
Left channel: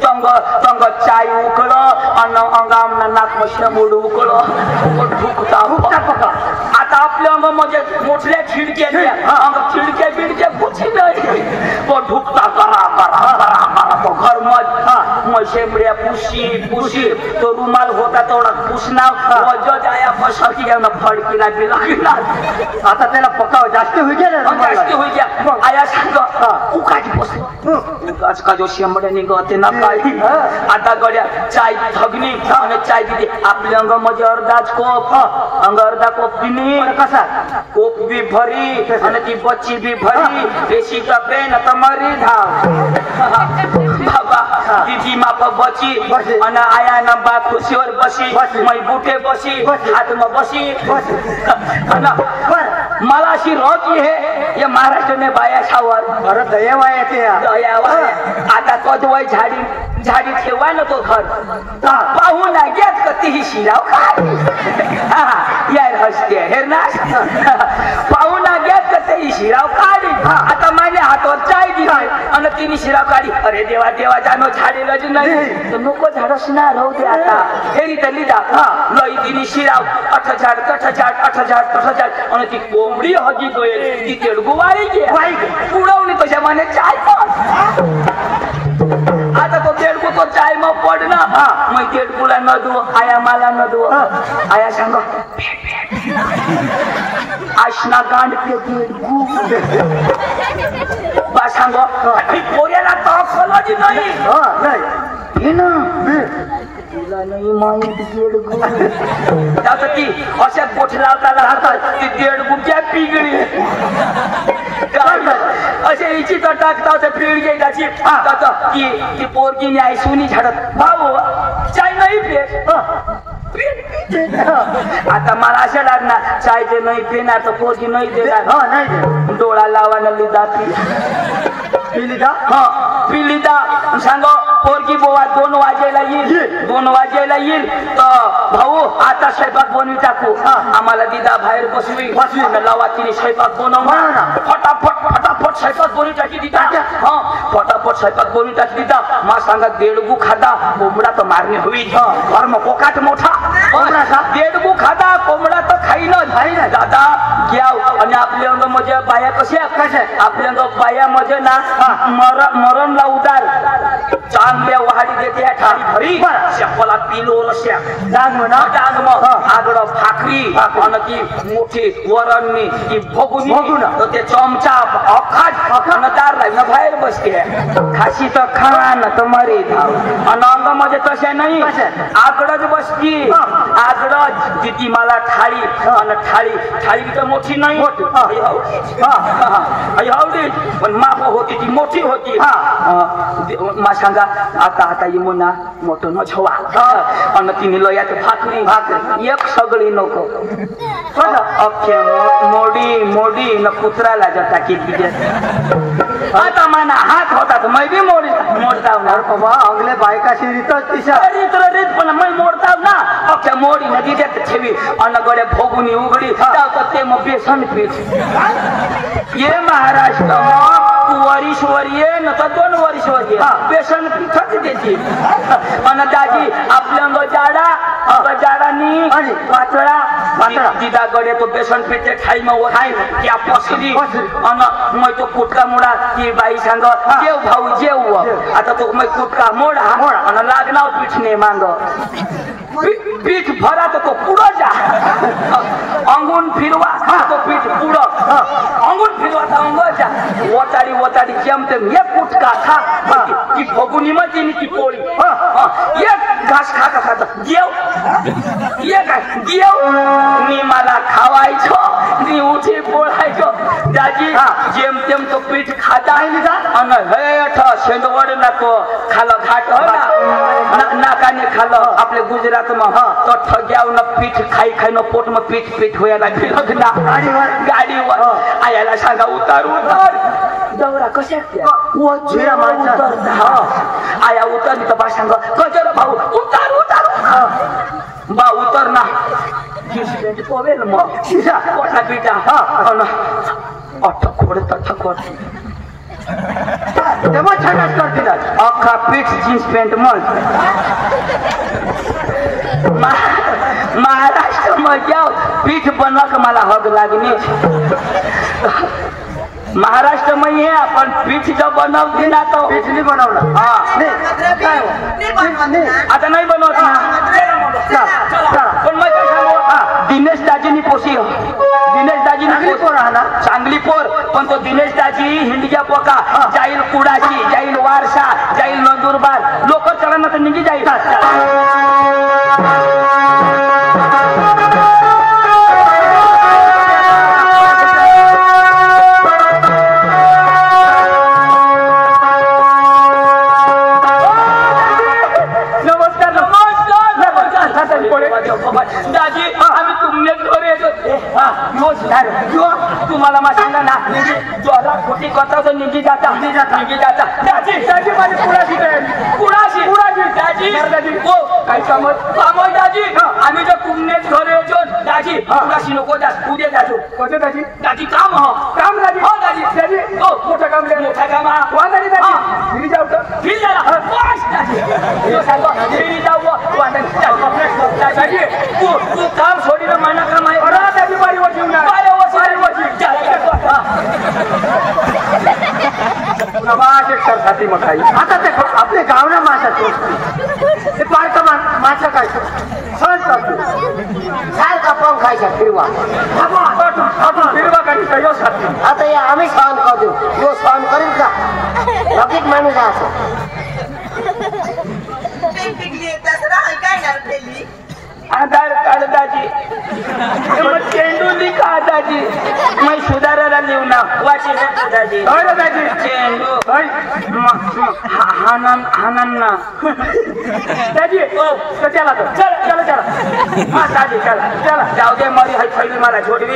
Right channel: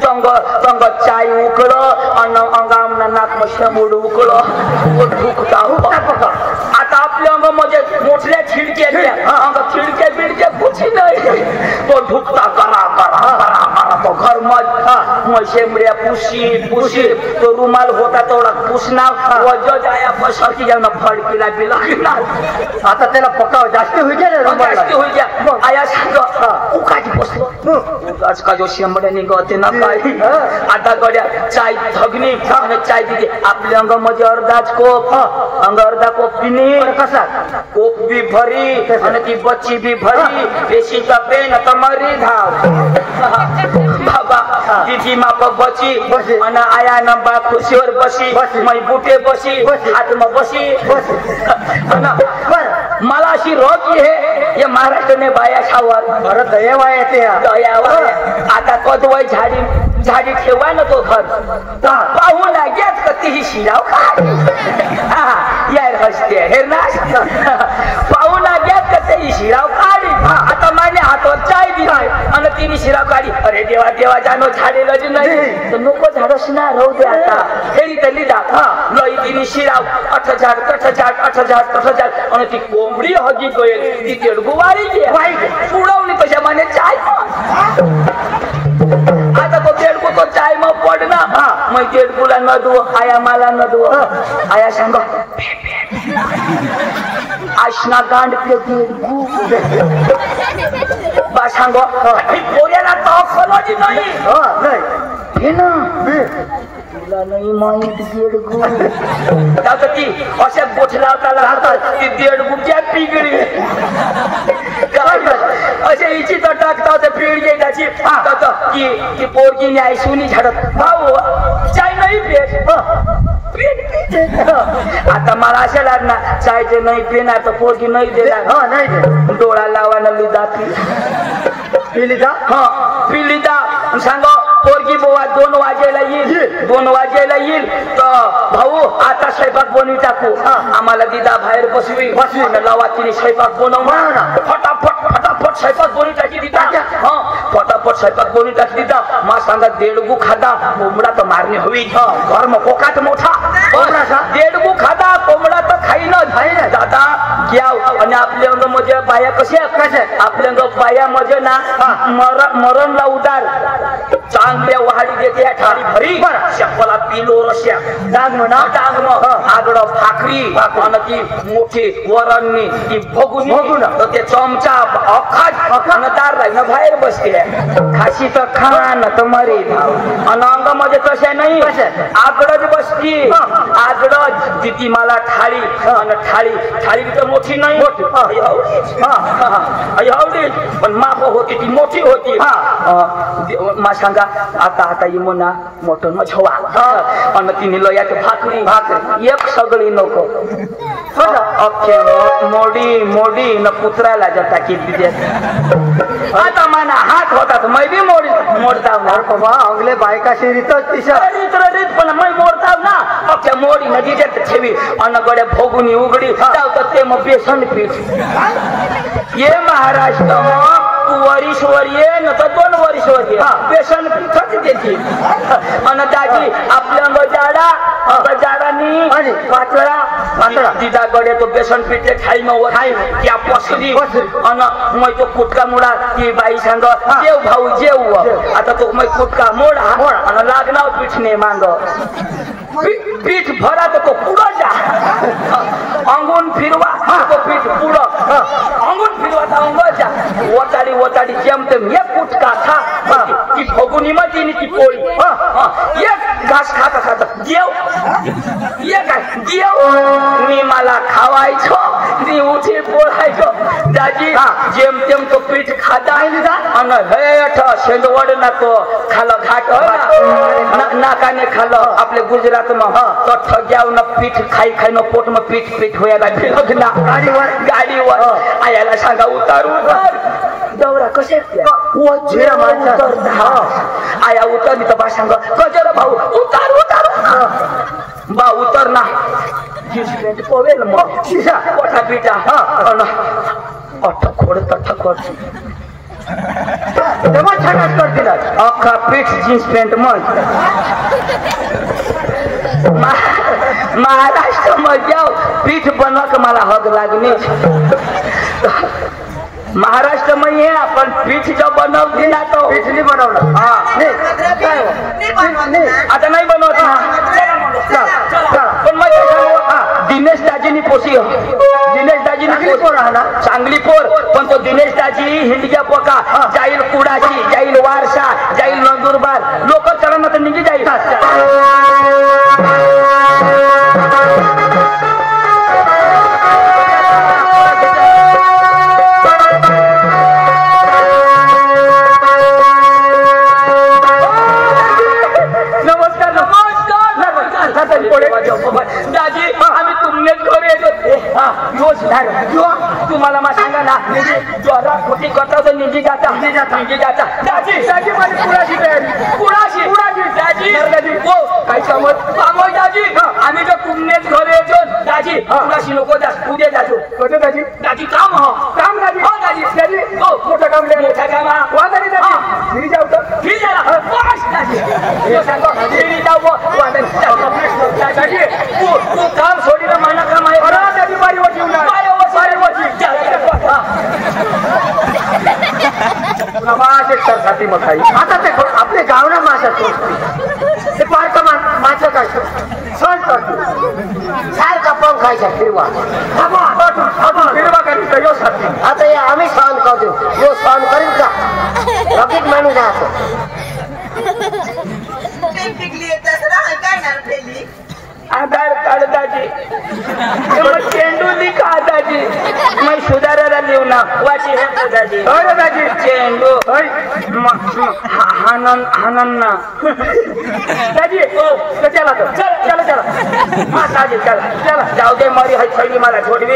तंग चाय उकळ आणि अंगामना नाक शेंबूड उकळ ढुकता आता आपल्या अंगामध्ये मोठल्या खिडक्या अंग खिडक्या बिडक्या कुठे नाही तो ढुकता करा तो घर मग शेंबड्या पुशी तो रुमाल होता तेवढा पुसना वजो जाया बसती घेऊन फडकीला बिला आता त्याला पकाव जास्त होईल आया सांग उकाची बसलो उकाच का जो शेंबड्या निघते ना काय आता गड्या चाय धगनी चाय दिली आपल्या अंगामध्ये अर्धाच कोप अंग अर्धा कोप पिणी कसा कोप बी भरी आणि ती बच्ची बी भरी बेसी पेन तर मरी धाव बाबा दीदी माप बची आणि आया नंबा खुर्शीवर बसी मै बुटे बसी हात में बसी मला अशी रोज हे महाराष्ट्रने बाया सावर बरं दयावा येते आता कदवय झाडी ठेवा ना तो घर पाहू लागेल तीही शिराव यार हसते हे ना पाहू लागेल तेही शिराव काढी आता माझ्या हातावर चाय दिला आणि तिने शिराव काढी अरे देवा जानो झाडेल नाही तर नको झाडच ना राहू दे आता हेरी तर लिदा लई तिने शिराव अठ झाड आणि ती कोंबडी हगी गईल ती तेडगुवारी उडवली तशा माने चाय आता तो तेडगु तो चाय मग पडना मग तेडगुला न दू आया मला न दू आया सांग आशना गांड के तेडगु बा सांगो पोऱ्याला तो खोलाची नाही हे ना तिला नाही माहित तेडगु आता ती अशा गोठला राहतात ती तेडगु क्या पिगळी असे इची तर टाकता तर पिळ गेल्याची ती पोरगी न्याय सुनी झाडत भाऊ चाय नाही पेट आता मला असे लागणार चायचे नाही पिणार तर पोरगी नाही देणार डोळा लावायला लिदा पिलिदा सांग पोरगी बोवा 2 वाजेला येईल तर भाऊ आता स्वयंपाक बनवी टाकू आम्हाला दिदा बाहेर बसवी लावा तिने स्वयंपाक बनवणार फटाफट स्वयंपाक बनवी टाकी दिदा फटाफट स्वयंपाक बनवी टाकी दिदा मा सांगा देडगू खादा कोंबडा तर मारणी होईल घर मग कोकाट मोठा देडगू खादा कोंबडा तर खाई ना दादा घ्याव आणि आपल्या अंग मध्ये बाया कशा आपल्या अंग बाया मध्ये ना मरण ला उदार चांगल्या वहाडी देते ठारी भरी शेपला पिलो रस्या डांग आगड भाकरी आणि ती मोठी वरणनी ती भगुन तर ते चमचा अखाट दार लागणं बाहेर बसते खाशी तर खा ना तर मरे आणि अंग म्हणजे तसे नाही आगडच बसती आगडच तिथे मला थाळी आणि थाळी तर मोठी नाही एवढी पण माप होती ती मोठी होती मा सांगा आता इमोना मोठं नछवा आणि तिने लोयाचं भात नाही एक सगळी नको अख्खे मोडी न कुत्राला जाता की आता माना हात होता तर मैं बी मोडता ना अंगले बायका रीत पण मैं मोडता ना अख्ख्या मोडी नदी ठेवी अन्न गड्या भोगुनी उघडी तर ते मग बेसन पीठ ये महाराष्ट्र तू वरीश्वर ये न तर 2 वरीश्वर ये बेसन पीठच देते आणि दाजी आपल्या जाडानी पातळा दिदा गडे तो बेसन पीठ खाई मग खाई त्या पसरी आणि मग तो कुटका मोडा ती बाई सांग जेव भाऊ जेव आता तो मग कुटका मोडा आणि लागणार पीठ ने मांग पीठ भरा तो पुढं जा अंगून फिरवा तो पीठ पुढं अंगून फिरवा तर अंग जा ओताडी जेमतेम एक कुटका खा ती फगुनी मध्ये ती पोळी एक घास खाता जेव मी मला खावायचो मी उठी बोलायचो दाजी जेमतेम तो पीठ खाता आणि हेठ शेंदवड ना तो खालं घाट नाकाने खालं आपले गुजरात तो ठग्याव न पीठ खाई न पोट में पीठ होयाला फिरत ना गाडीवर आयाला सांगा उतार दौरा कशा आया उतरली तर बा सांगा कजर भाऊ उतार बा उतर ना पोवेल मग पोटा पिटा ठकोड अख्खा पीठ जीन्स पॅन्ट मग महाराष्ट्र में जाओ पीठ बनवा मला हग लागणे महाराष्ट्र में ये अपन पीठ जब बनवली ना तो पीठ नहीं बनवलं आता नाही बनवत पण मग दिनेश दाजीनी पोसी दिनेश दाजीनी पोर राहला चांगली पोर पण तो दिनेश दाजी हिंडच्या पोका जाईल कुडाची जाईल वारसा जाईल नंदुरबार लोक करा तर निघी जाईल दाजी आम्ही तुमनेच घरी येतो तुम्हाला मा सांगा ना ज्वाला खोटी करता तर निघी जाता दाजी दाजी हो काय समज दाजी आम्ही तर तुमनेच घरी येतो दाजी कुणाशी नको उद्या जातो कसं दाजी काम दाजी हो दाजी हो मोठं काम वा दाजी जाऊ फिरी झाला दाजी जाऊ दाजी तू काम सोडी महिना काम आहे आपले गाव ना ते पार्क माझं काय सण करतो सारखा पण खायचा फिरवा आता या आम्ही सहन करतो जो सहन करू का रकीत माणूस असो आधार कार्ड दाजी चेंडू लिखा दाजी मैं सुधारायला लिहू ना वाची दाजी दाजी चेंडू हानन ना दाजी हो चला चला हा दाजी चला जाऊ दे मरी है छडी मला छोडवी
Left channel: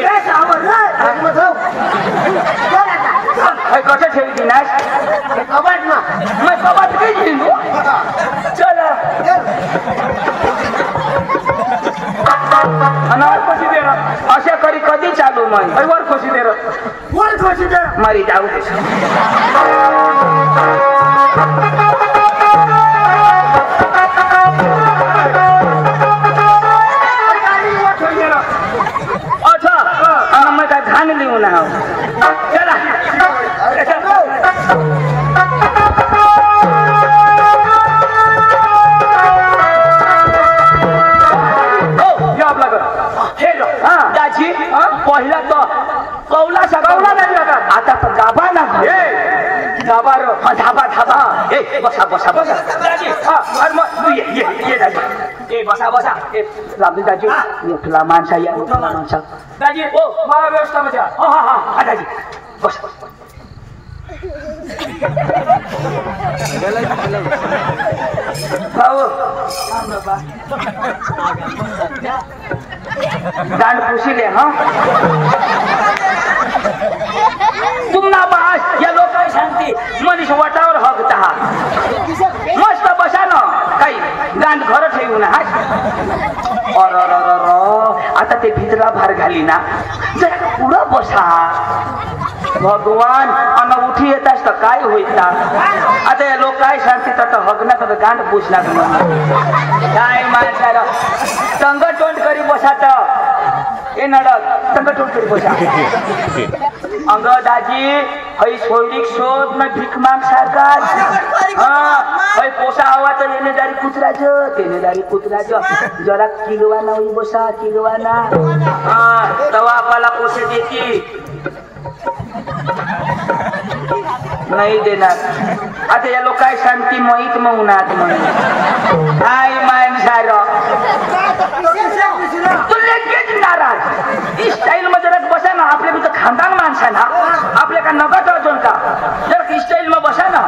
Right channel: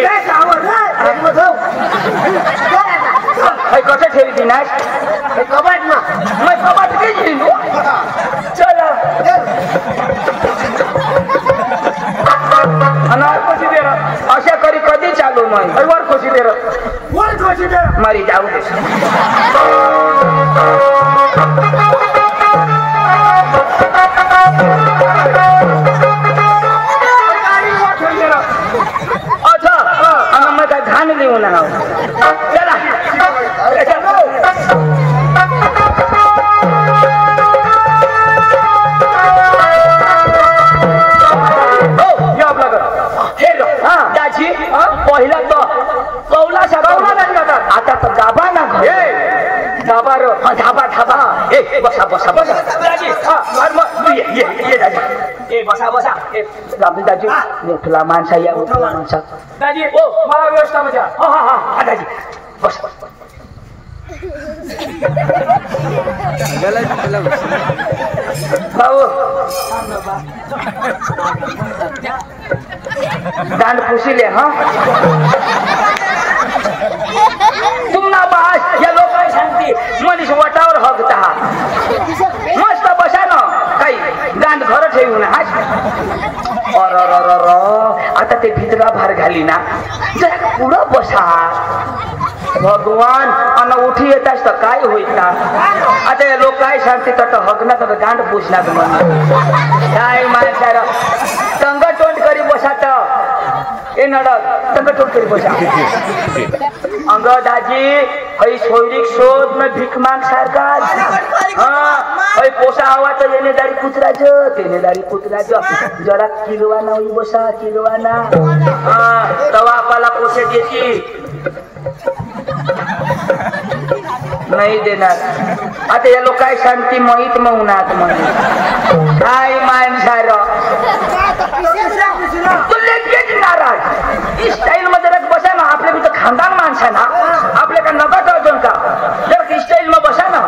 है कसं ठेवी दिनाश हे कबाट ना कबाट की चला अशा करी कधी चालू वर खोशी दे मारी जाऊ दे अच्छा मग घाण लिहून चला दाजी पहिला तो कौला आता तर दाबा ना धाबा धाबा बसा दाजी ये दाजी ए बसा बसा ए रामू दाजी मोठला माणसा या मोठला माणसा दाजी ओ मला व्यवस्था मजा हा दाजी बस भाऊ दांड पुशिले हा तुम्हाला बास या लोक सांगते मनीष वटावर हकता मस्त बसा ना काही दांड घर ठेवून आता ते भितरा भार घाली ना जरा पुढं बसा भगवान अन उठी येताच तर काय होईल ना आता लोक काय सांगते तर हगना तर गांड पुसणार काय माणसाला तंग तोंड करी बसा तर ए नडक तंग तोंड करी बसा अंग दाजी हई सोयरीक शोध न भीक माग सारखा हई पोसा हवा तर येणेदारी कुत्राचं तेनेदारी कुत्राचं जरा किलवाना होई बसा किलवाना तवा आपल्याला पोसे देती नाही देणार आता या लोक काय शांती मोहित मौनात म्हणून काय माणसार लगेच नाराज स्टाईल मध्ये जरा बसा ना आपल्या तिथं खानदान माणसा ना आपल्या का नका कळतो का जरा स्टाईल मध्ये बसा ना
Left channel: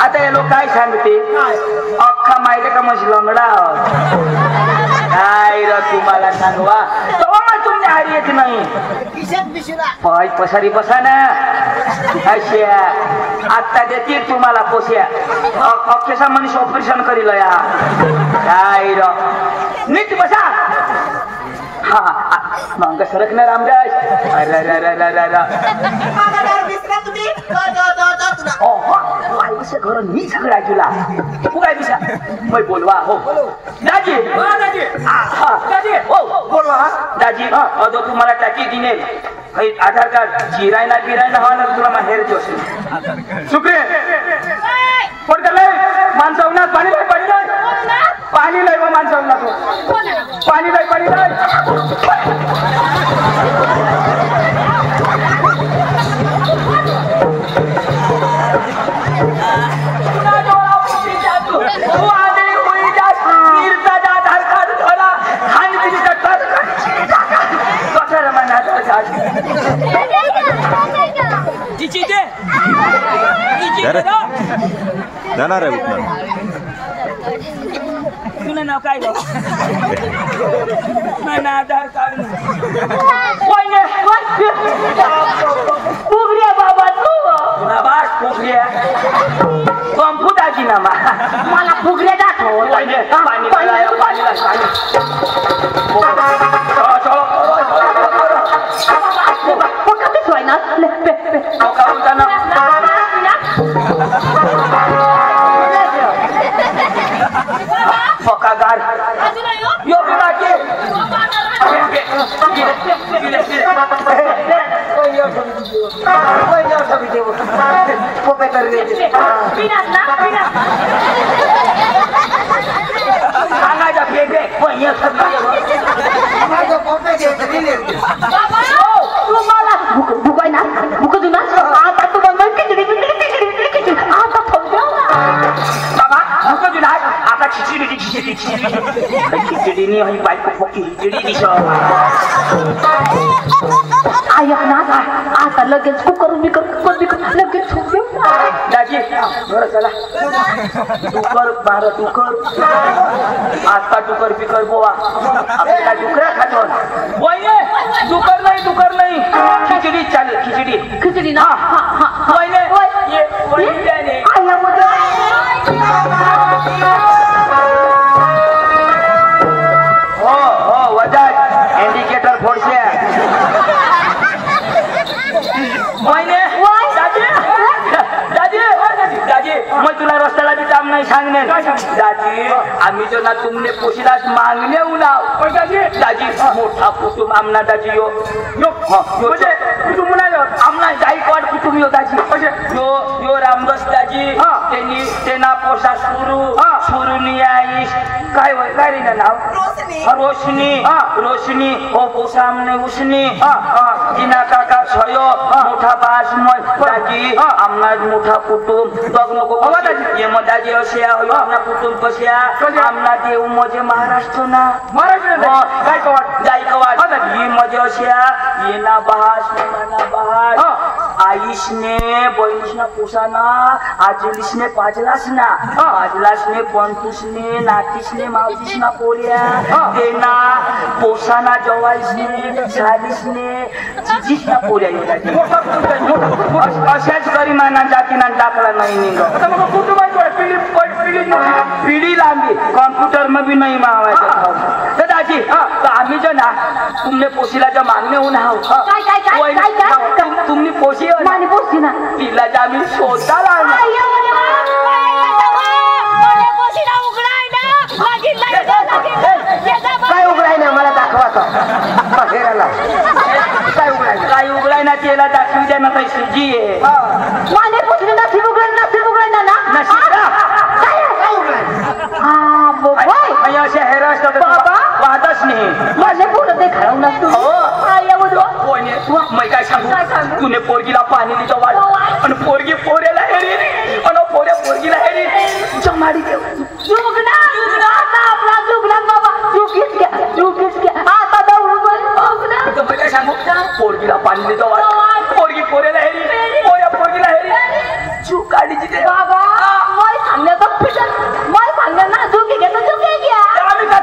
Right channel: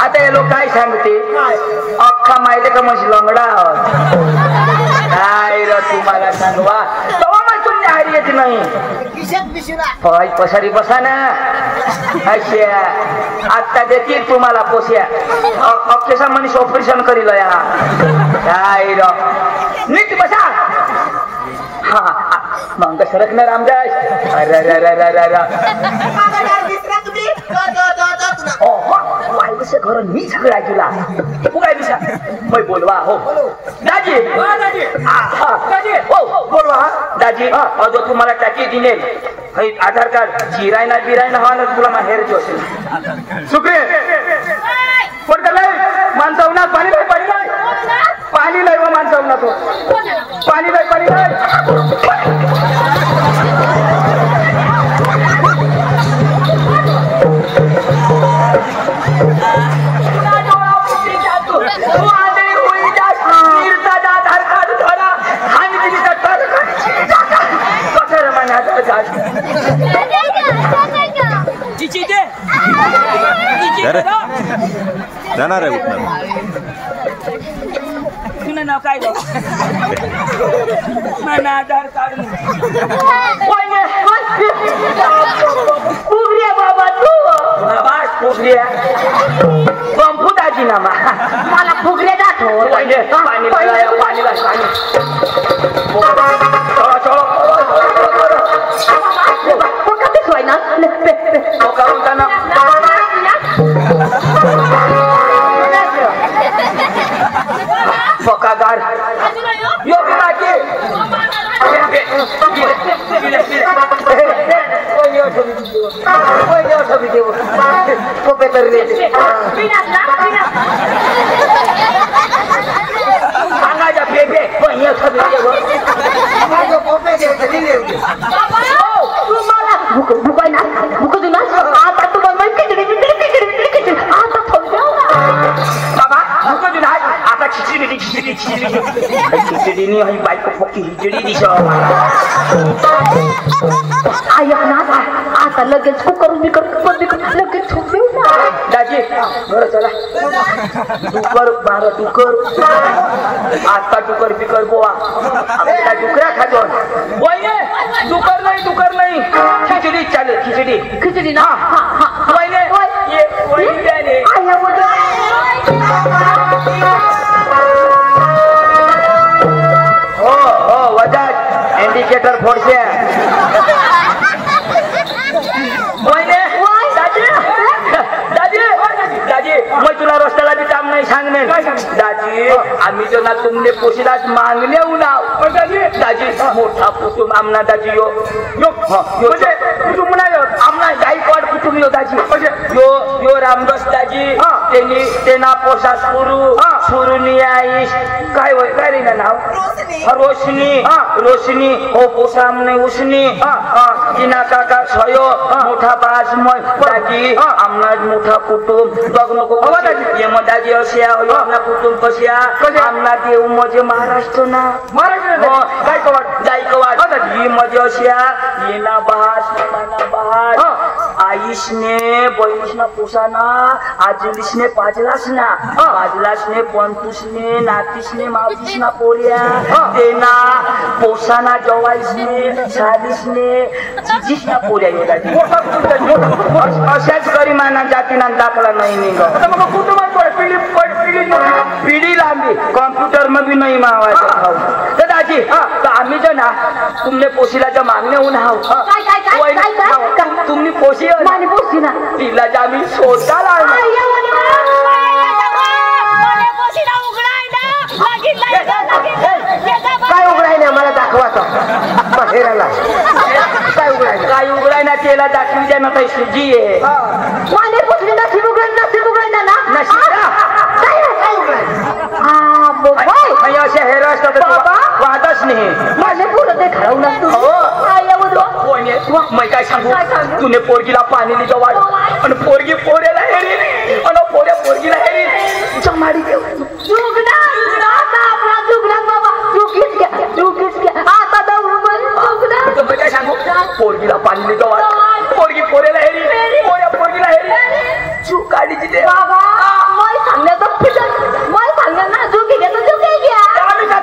आता या लोक काय सांगते अख्खा माहिती का मग लंगडा काय र तुम्हाला सांगवा तेव्हा मग तुमने हारी येत नाही पाय पसारी बसा ना अशा आता देतील तुम्हाला पोस्या अख्खेसा मनीष ऑपरेशन करील या काय र नीट बसा मग सरक ना रामदास घर मी सगळा तुला तू काय दिसा बोलवा हो दाजी हो बोलवा दाजी अजो तुम्हाला टाकी दिने आधार कार्ड जिरायना बिरायना हवा ना तुला माहेर जो असेल सुप्रे पण काय माणसावना पाणी नाही पाणी नाही पाणी नाही व माणसावना तो पाणी नाही पाणी नाही जाणार आहे उठणार तुला नाव काय गं मला आधार कार्ड फुगऱ्या बाबा तू बाबा फुगऱ्या कंपुटाची ना मला फुगऱ्या दाखव पाणी पाणी पक्का गाड यो बिराचे सांगायचा फेके तुम्हाला भुकाय ना भुक देऊ ना आता तुम्हाला आता बाबा भुक देऊ ना आता खिचडी नाही हई बायको पक्की खिचडी दिसो ऐक ना आता लगेच कुकर लगेच दाजी बरं चला टुकर बारा टुकर आता टुकर पिकर बोवा आपल्याला डुकऱ्या खातो डुकर नाही खिचडी चालेल खिचडी ना हो वजा इंडिकेटर फोडसे मैं तुला रस्त्याला भी काम नाही सांगणे दाजी आम्ही जो ना तुमने पोशीलाच मागणे उनाव दाजी मोठा कुटुंब आमना दाजी यो म्हणजे कुटुंब नाही आमना जाई गायकवाड कुटुंब दाजी यो रामदास दाजी त्यांनी त्यांना पोसा सुरुनी आईश काय रे ना नाव रोशनी हो पोसा म्हणे उसनी जिना काका छयो मोठा बास दाजी आमना मोठा कुटुंब बघ नको ये मग दाजी अशा हो आमना कुटुंब कशा आमना देव म्हणजे महाराष्ट्र ना गायकवाड ही म्हणजे अशा ये ना बहास मना बहास आईशने बहिणीशना पोसाना आजलीशने पाजलासना पंतुसने नातीसने मावतीसना पोऱ्या तेना पोसाना जवाईसने सालीसने जिजीसना पोऱ्या येतात अशाच गरिमाना जातीना दाखला नाही निघत पिढी लांबी कॉम्प्युटर में भी नहीं मावायचं दाजी आम्ही जो ना तुमने पोशीला मागणे होऊन तुम्ही पोशी पोशी ना तिला आम्ही शोधायला काय उघडाय ना मला दाखवा काय उघडाय ना त्याला दाखवी द्या ना पैसे जी आहे माने पोशी नसीब उघडाय ना अशा हेरा असतात वाहतच नाही माझे पोरं ते खरवणार मी काय सांगू तुने पोरगीला पाणी दिलं वाढ आणि पोरगी पोऱ्याला हेरी आणि पोऱ्या पोरगीला हेरी जमाडी देऊ काय सांगू पोरगीला पाणी दिलं वाढ पोरगी पोऱ्याला हेरी पोऱ्या पोरगीला हेरी चू काढीची दे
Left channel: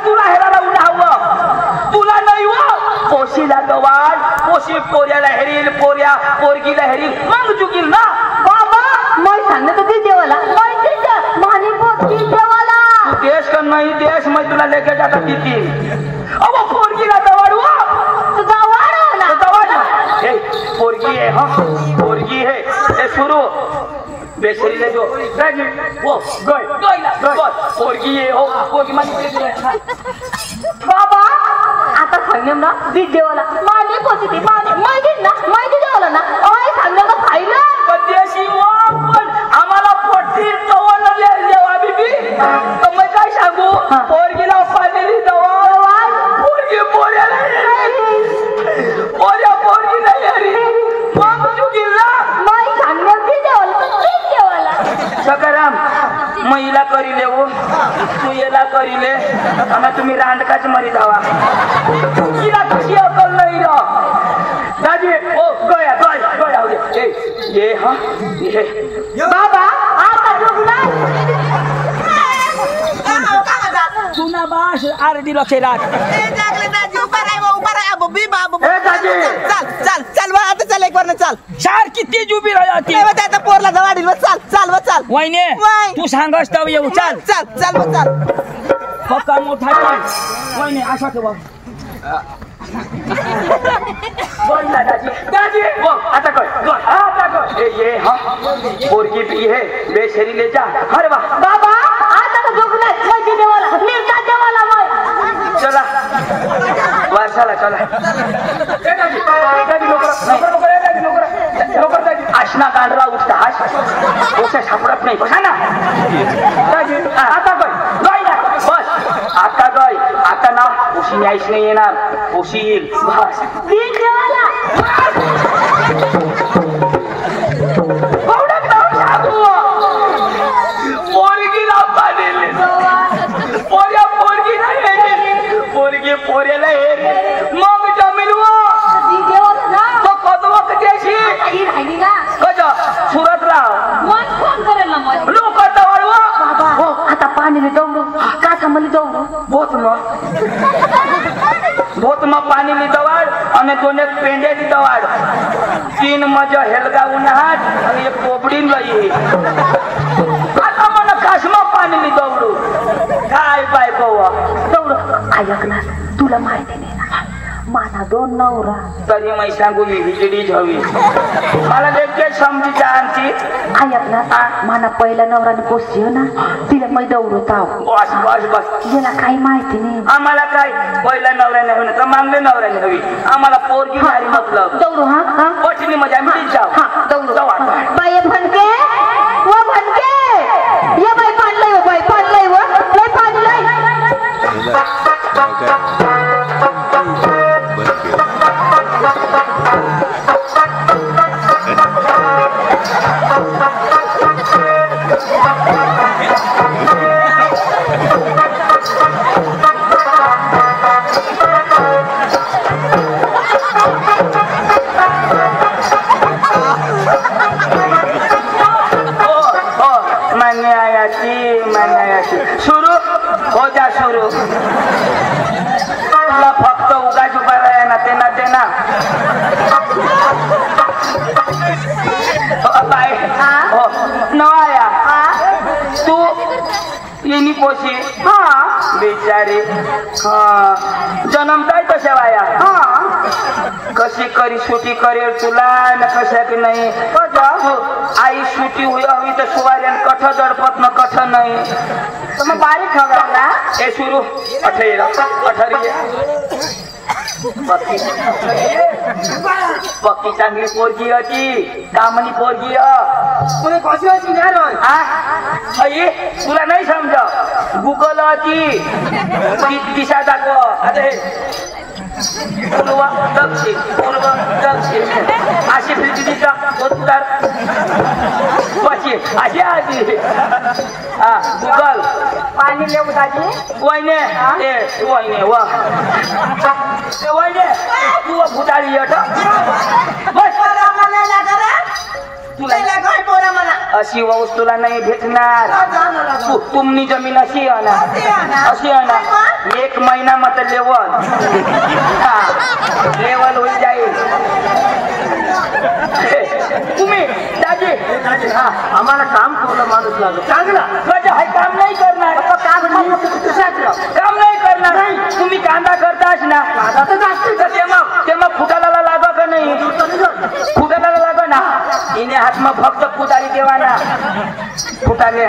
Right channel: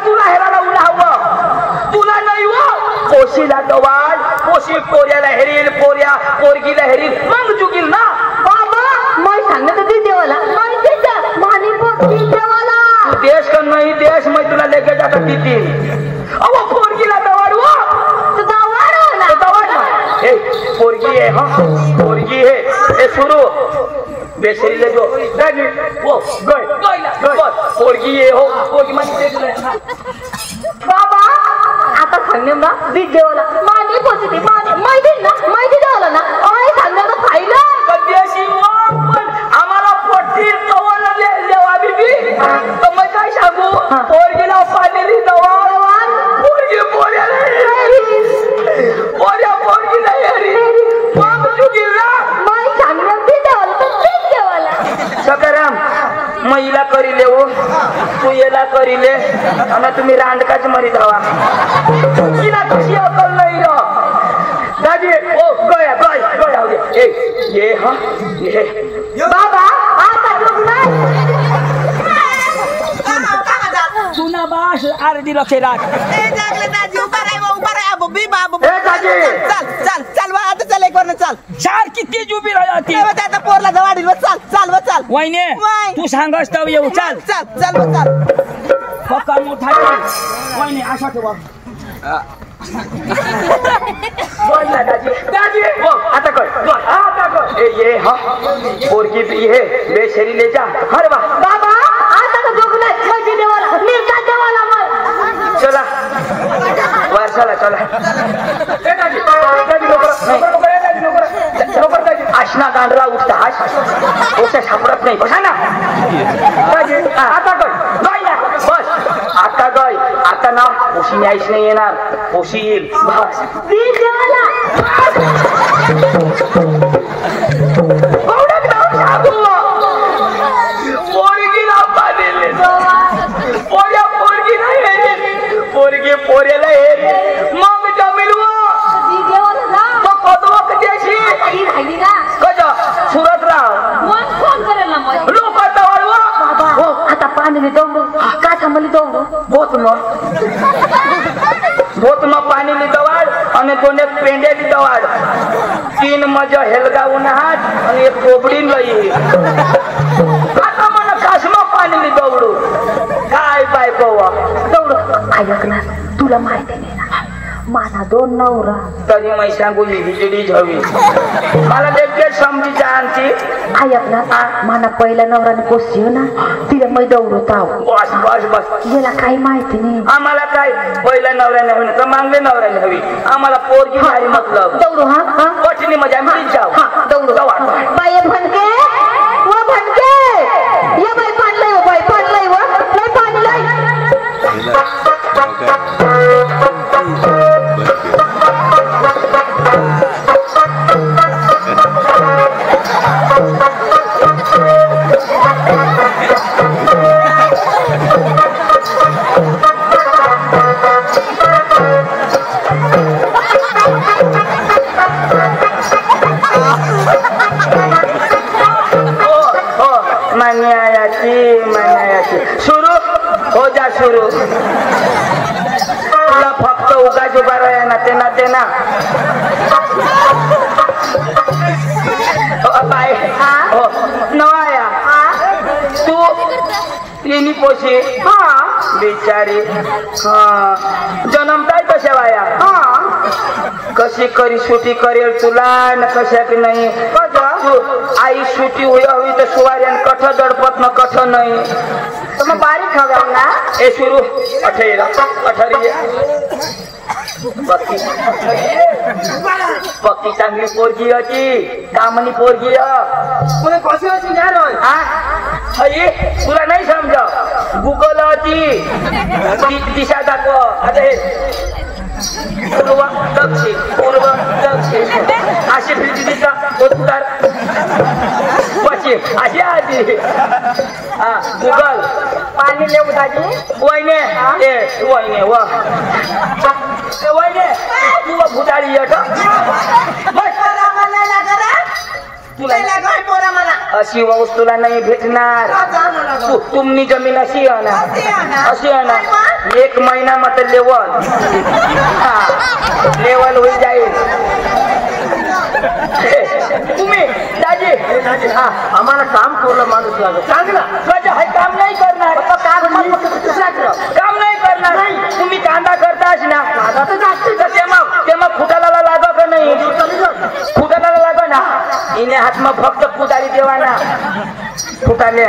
तुला हेराला उन्हा हवं तुला नाही व पोशीला गवाड पोशी पोऱ्याला हेरील पोऱ्या पोरगीला हेरील मग चुकील ना बाबा मैं सांगत होती देवाला तू देश का नाही देश मैं तुला लेके जाता तिथे अहो पोरगीला दवाड व हे पोरगी है हाँ पोरगी है हे सुरू बेसरी ले जो दादी वो गय पोरगी ये हो पोरगी माझी बाबा आता सांगणे ना बीज देवाला माने पोचते माहिती देवाला ना सांगणे ना पाहिलं देशी पण आम्हाला पोटी दवा देवा बीबी तर मग काय सांगू पोरगीला पालेली दवा पोरगी पोऱ्याला पोरगीला हेरी मग चुकीला सकाराम महिला करी ले तू येला करी ले आम्ही तुम्ही रांडकाच मरी धावा तिला कशी अकल नाही र दादी ओ गया गया दे ये हा ये बाबा आता सुना बास आरडी लखे रात ए जागले दाजी उभा राहा बब्बी बाबू चल आता चल एक वर चल चार किती जुबी राहती आता पोरला जवाडील चल वहिने तू सांगस तर येऊ चल पक्का मोठा वहिने आशा ठेवा दादी वो आता कर ये हाँ पोरगी भी है बेशरी ले जा अरे बाबा आता तो जोगला मजे देवाला मिरचा देवाला मग चला वारसाला चला दादी लोकर आशना गांडला उठता ओसे सापडत नाही बसा ना आता बस आता गय आता ना पोशी न्यायच नाही येणार पोशी येईल पोरगी पोऱ्याला हे मग जमील सुरत राव लोक आता पाणी दौडू काठा मला दौडू भोत मग पाणी दवाड आणि दोन एक पेंड्या दवाड 3 मजा हेलगा उन्हात आणि एक कोबडी लई आता मला काश्मा पाणी दौडू काय बायको दौडू ऐक ना तुला माहिती नाही ना माझा 2 नवरा तरी मै सांगू ही हिजडी हवी मला ते समजी जाणती आई आपला माना पहिला नवराने पोसली हो ना तिला मै दौडत आहो बस बस बस याला काही माहिती नाही आम्हाला काय पहिला नवऱ्याने हवी तर मागले नवऱ्याने हवी आम्हाला पोरगी भारी मतलब दौडू हा हा पटनी म्हणजे आम्ही जाऊ हा दौडू जाऊ आता. बाई भनके व भनके ये बाई पाणलंय हो बाई पाणलंय व लय पाणी लय हिला नाव काय बरं केलं. सुरू हो जा सुरू तुला फक्त उगाच उभा राहा ना ते ना बाय हो नवाया तू येणी पोशी हा बिचारी हा जन्मताय कशा वाया हा कशी करी सुटी करेल तुला न कशा की नाही आई सुटी हुई हवी तर सुवार्यान कठ दडपत न कठ नाही तर मग बारीक हवा ना ए सुरू अठेरा पक्की चांगली पोरगी होती कामनी पोरगी कशी होती तुला नाही समज गुगल होती दिशा दाखव आता पूर्व दक्षिण अशी फिरती तिथं उत्तर पश्चिम अशी आधी हा गुगल पाणी लेऊ दाजी वहिने ए वहिने वहिने तू भुताळी येत अशी वस्तू तुला नाही भेटणार तुमनी जमीन अशी आहे ना 1 महिना मात्र लेवल होईल जाईल तुम्ही दाजी आम्हाला काम करू माणूस लागत चांगला काम नाही करणार काम नाही करणार तुम्ही कांदा करताच ना ते मग फुटाला लागा का नाही फुटाला लागा ना इने हात मग फक्त फुटाली देवा ना फुटाले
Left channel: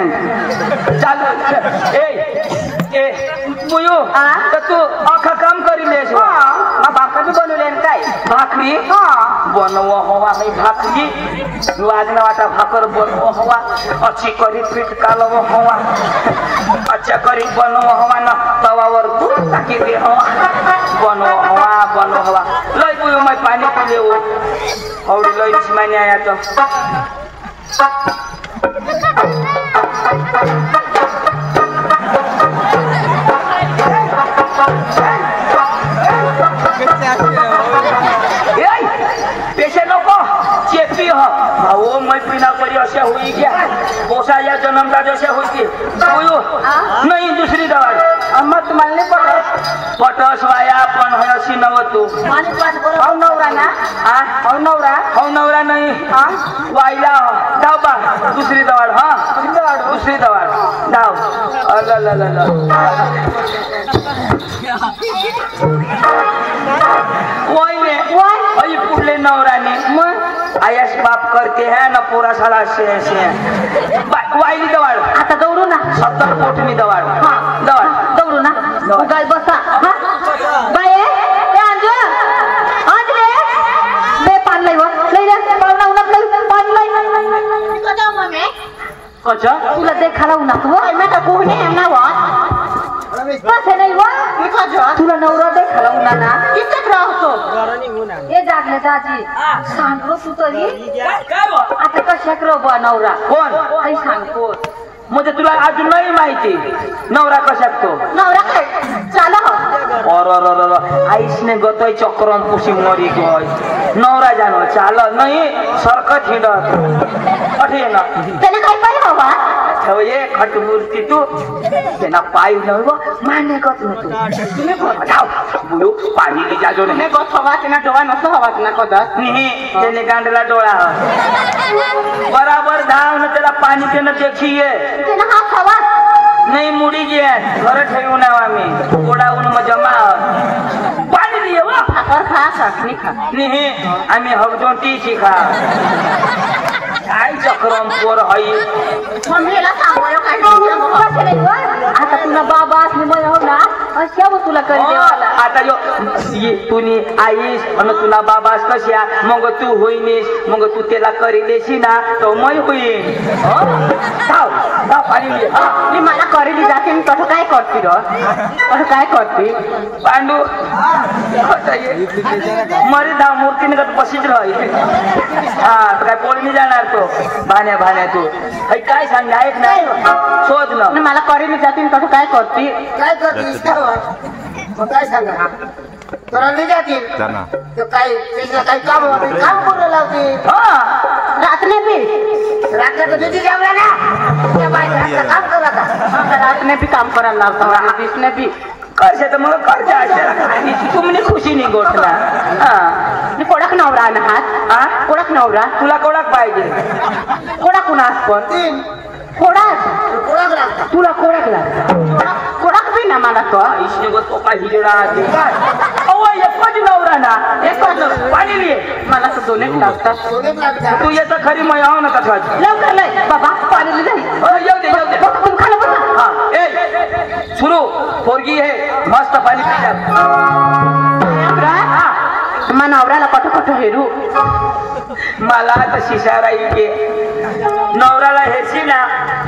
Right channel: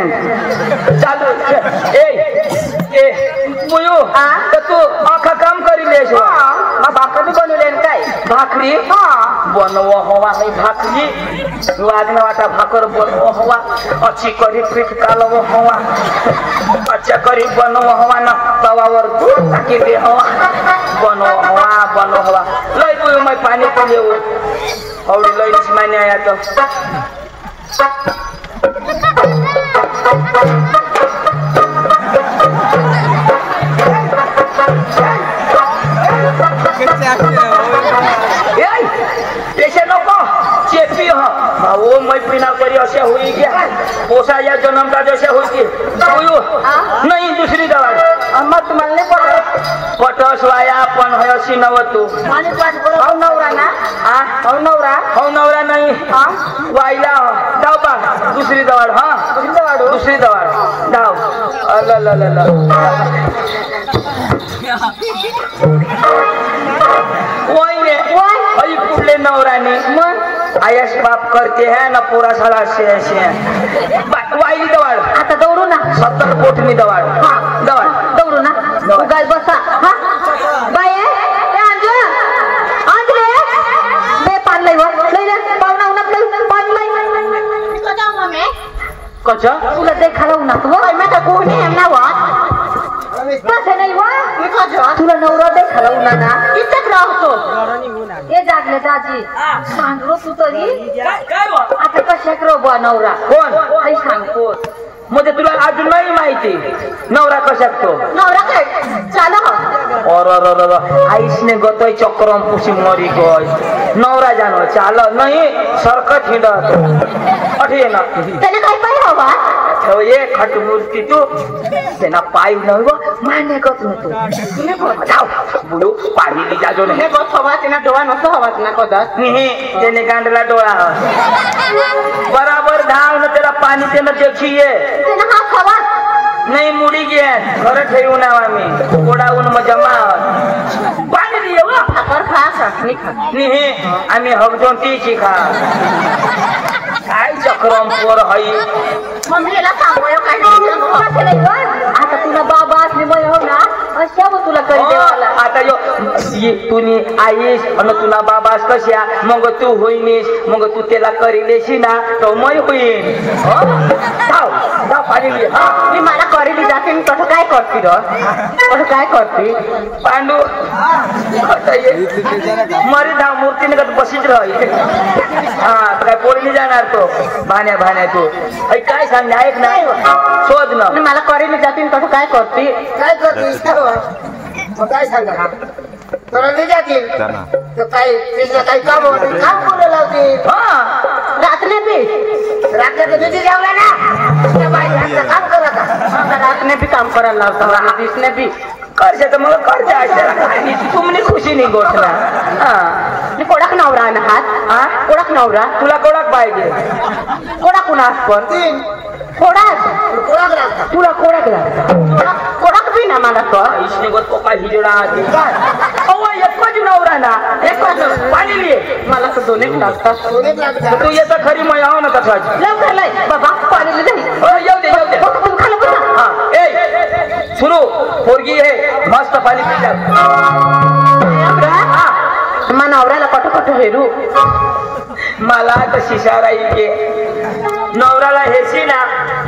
चालू ए तर तू अख्खा काम करी लेस भाकरी बनवले काय भाकरी बनव हवा है भाकरी वाजन वाटा भाकर बनव हवा अच्छी करी पीठ कालव हवा अच्छा करी बनव हवा ना तवावर तू टाकी दे हवा बनव हवा लय तू मैं पानी पिले और लय माने आया तो पेशे नको चेपी हो मैत्रिणा करी असे होई घ्या पोसा या जन्मला जसे होती नाही दुसरी दवाड मग तुम्हाला नाही पडत पटस वाया पण होय अशी नव तू नवरा नाही वाईला धाव बा दुसरी दवाड दुसरी दवाड धाव अली पुढले नवराने मग आयस बाप करते है ना पोरा साला असे वाईली दवाड आता दौडू ना 70 कोटमी दवाड दौडू ना गाय बसा हा बाय अंजले बे पान लई ले पावना उनक लई पान लई कचा तुला देखाला उनक हो मैं तो कोणी है ना वा कसं नाही वा तुला नवरा देखाला उना ना किती राहतो ए जागले दाजी सांगरो तू तरी काय आता कशाक रोबा नवरा कोण काही सांगतो म्हणजे तुला अजून नाही माहिती नवरा कशाक तो नवरा काय चाल आईसने गतोय चक्रम पुसी मरी गय नवरा जानो चाल नाही सरकत हिंडत अठे ना त्याने काय पाहिजे हवा हो एक खट मूर्ती तू त्यांना पाय नव मान्य करत नव्हतो बुडू पाणी की जाजो नाही हवा तिना डोळा नसतो हवा तिना कदाच त्याने गांडला डोळा बराबर धाव न त्याला पाणी त्यानं देखीये तिने हा खावा नाही मुडी घे घर ठेवून आम्ही गोडाऊन मग जमा पाणी दिये खा निही आम्ही हगजोंती शिखा काय चक्रम पोर हई आता तुला बाबा असली मग हो ना अशा व तुला करी देवाला आता तुनी आईस आणि तुला बाबास कशा मग तू होईनीस मग तू त्याला करी देशी ना तो मै होईन मी मला करीली जाते मी कसं काय करते कसं काय करते पांडू मरी धाव मूर्तीने का बशीच राही हा काय पोळी जाणार तो भाण्या तू काय सांग ऐक ना शोध ना मला करीली जाते कसं काय करते काय करतेस काय सांगा तुला नाही जातील तर काही काही काम करून लावतील रातने भी रात्र किती जावं ना काम करा रातने भी काम करायला लागतं दिसने भी करते तर मग करते तुम्ही खुशी नाही गोठला कोडाक नवरा ना हात कोडाक नवरा तुला कोणाक पाहिजे कोडाक कुणास पण कोडाक तुला कोडाक लागता कोडाक बी ना मला तर इसने गो तो काय हिजडा अहो एकच नवरा ना एकच पाणी लिये मला तर दोन एक लागतात तू येतं खरी मग यावं ना तसंच लवकर लय बाबा पाणी जाईल येऊ दे तुम्ही खाली बसा हा ए सुरू पोरगी आहे मस्त पाणी पितात मग नवऱ्याला कट हेरू मला तर शिशारा इथे नवऱ्याला हेरशी ना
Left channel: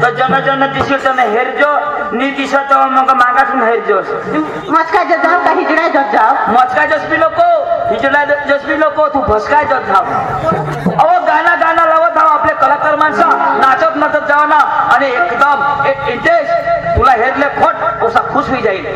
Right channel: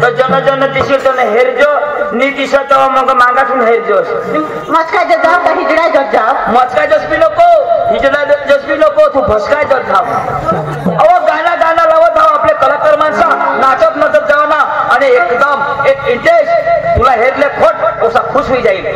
तर जन दिसतो ना हेरजो नी दिसत मग मागासून हेरजोस मस्का जत जाव का हिजडा जत जाव मस्का जसपी नको हिजडा जसपी नको तू भस्काय जत जाव अहो गाणं लावत जाव आपले कलाकार माणसं नाचत जाव ना आणि एकदम एक इंटरेस्ट तुला हेरले खोट असा खुश होई जाईल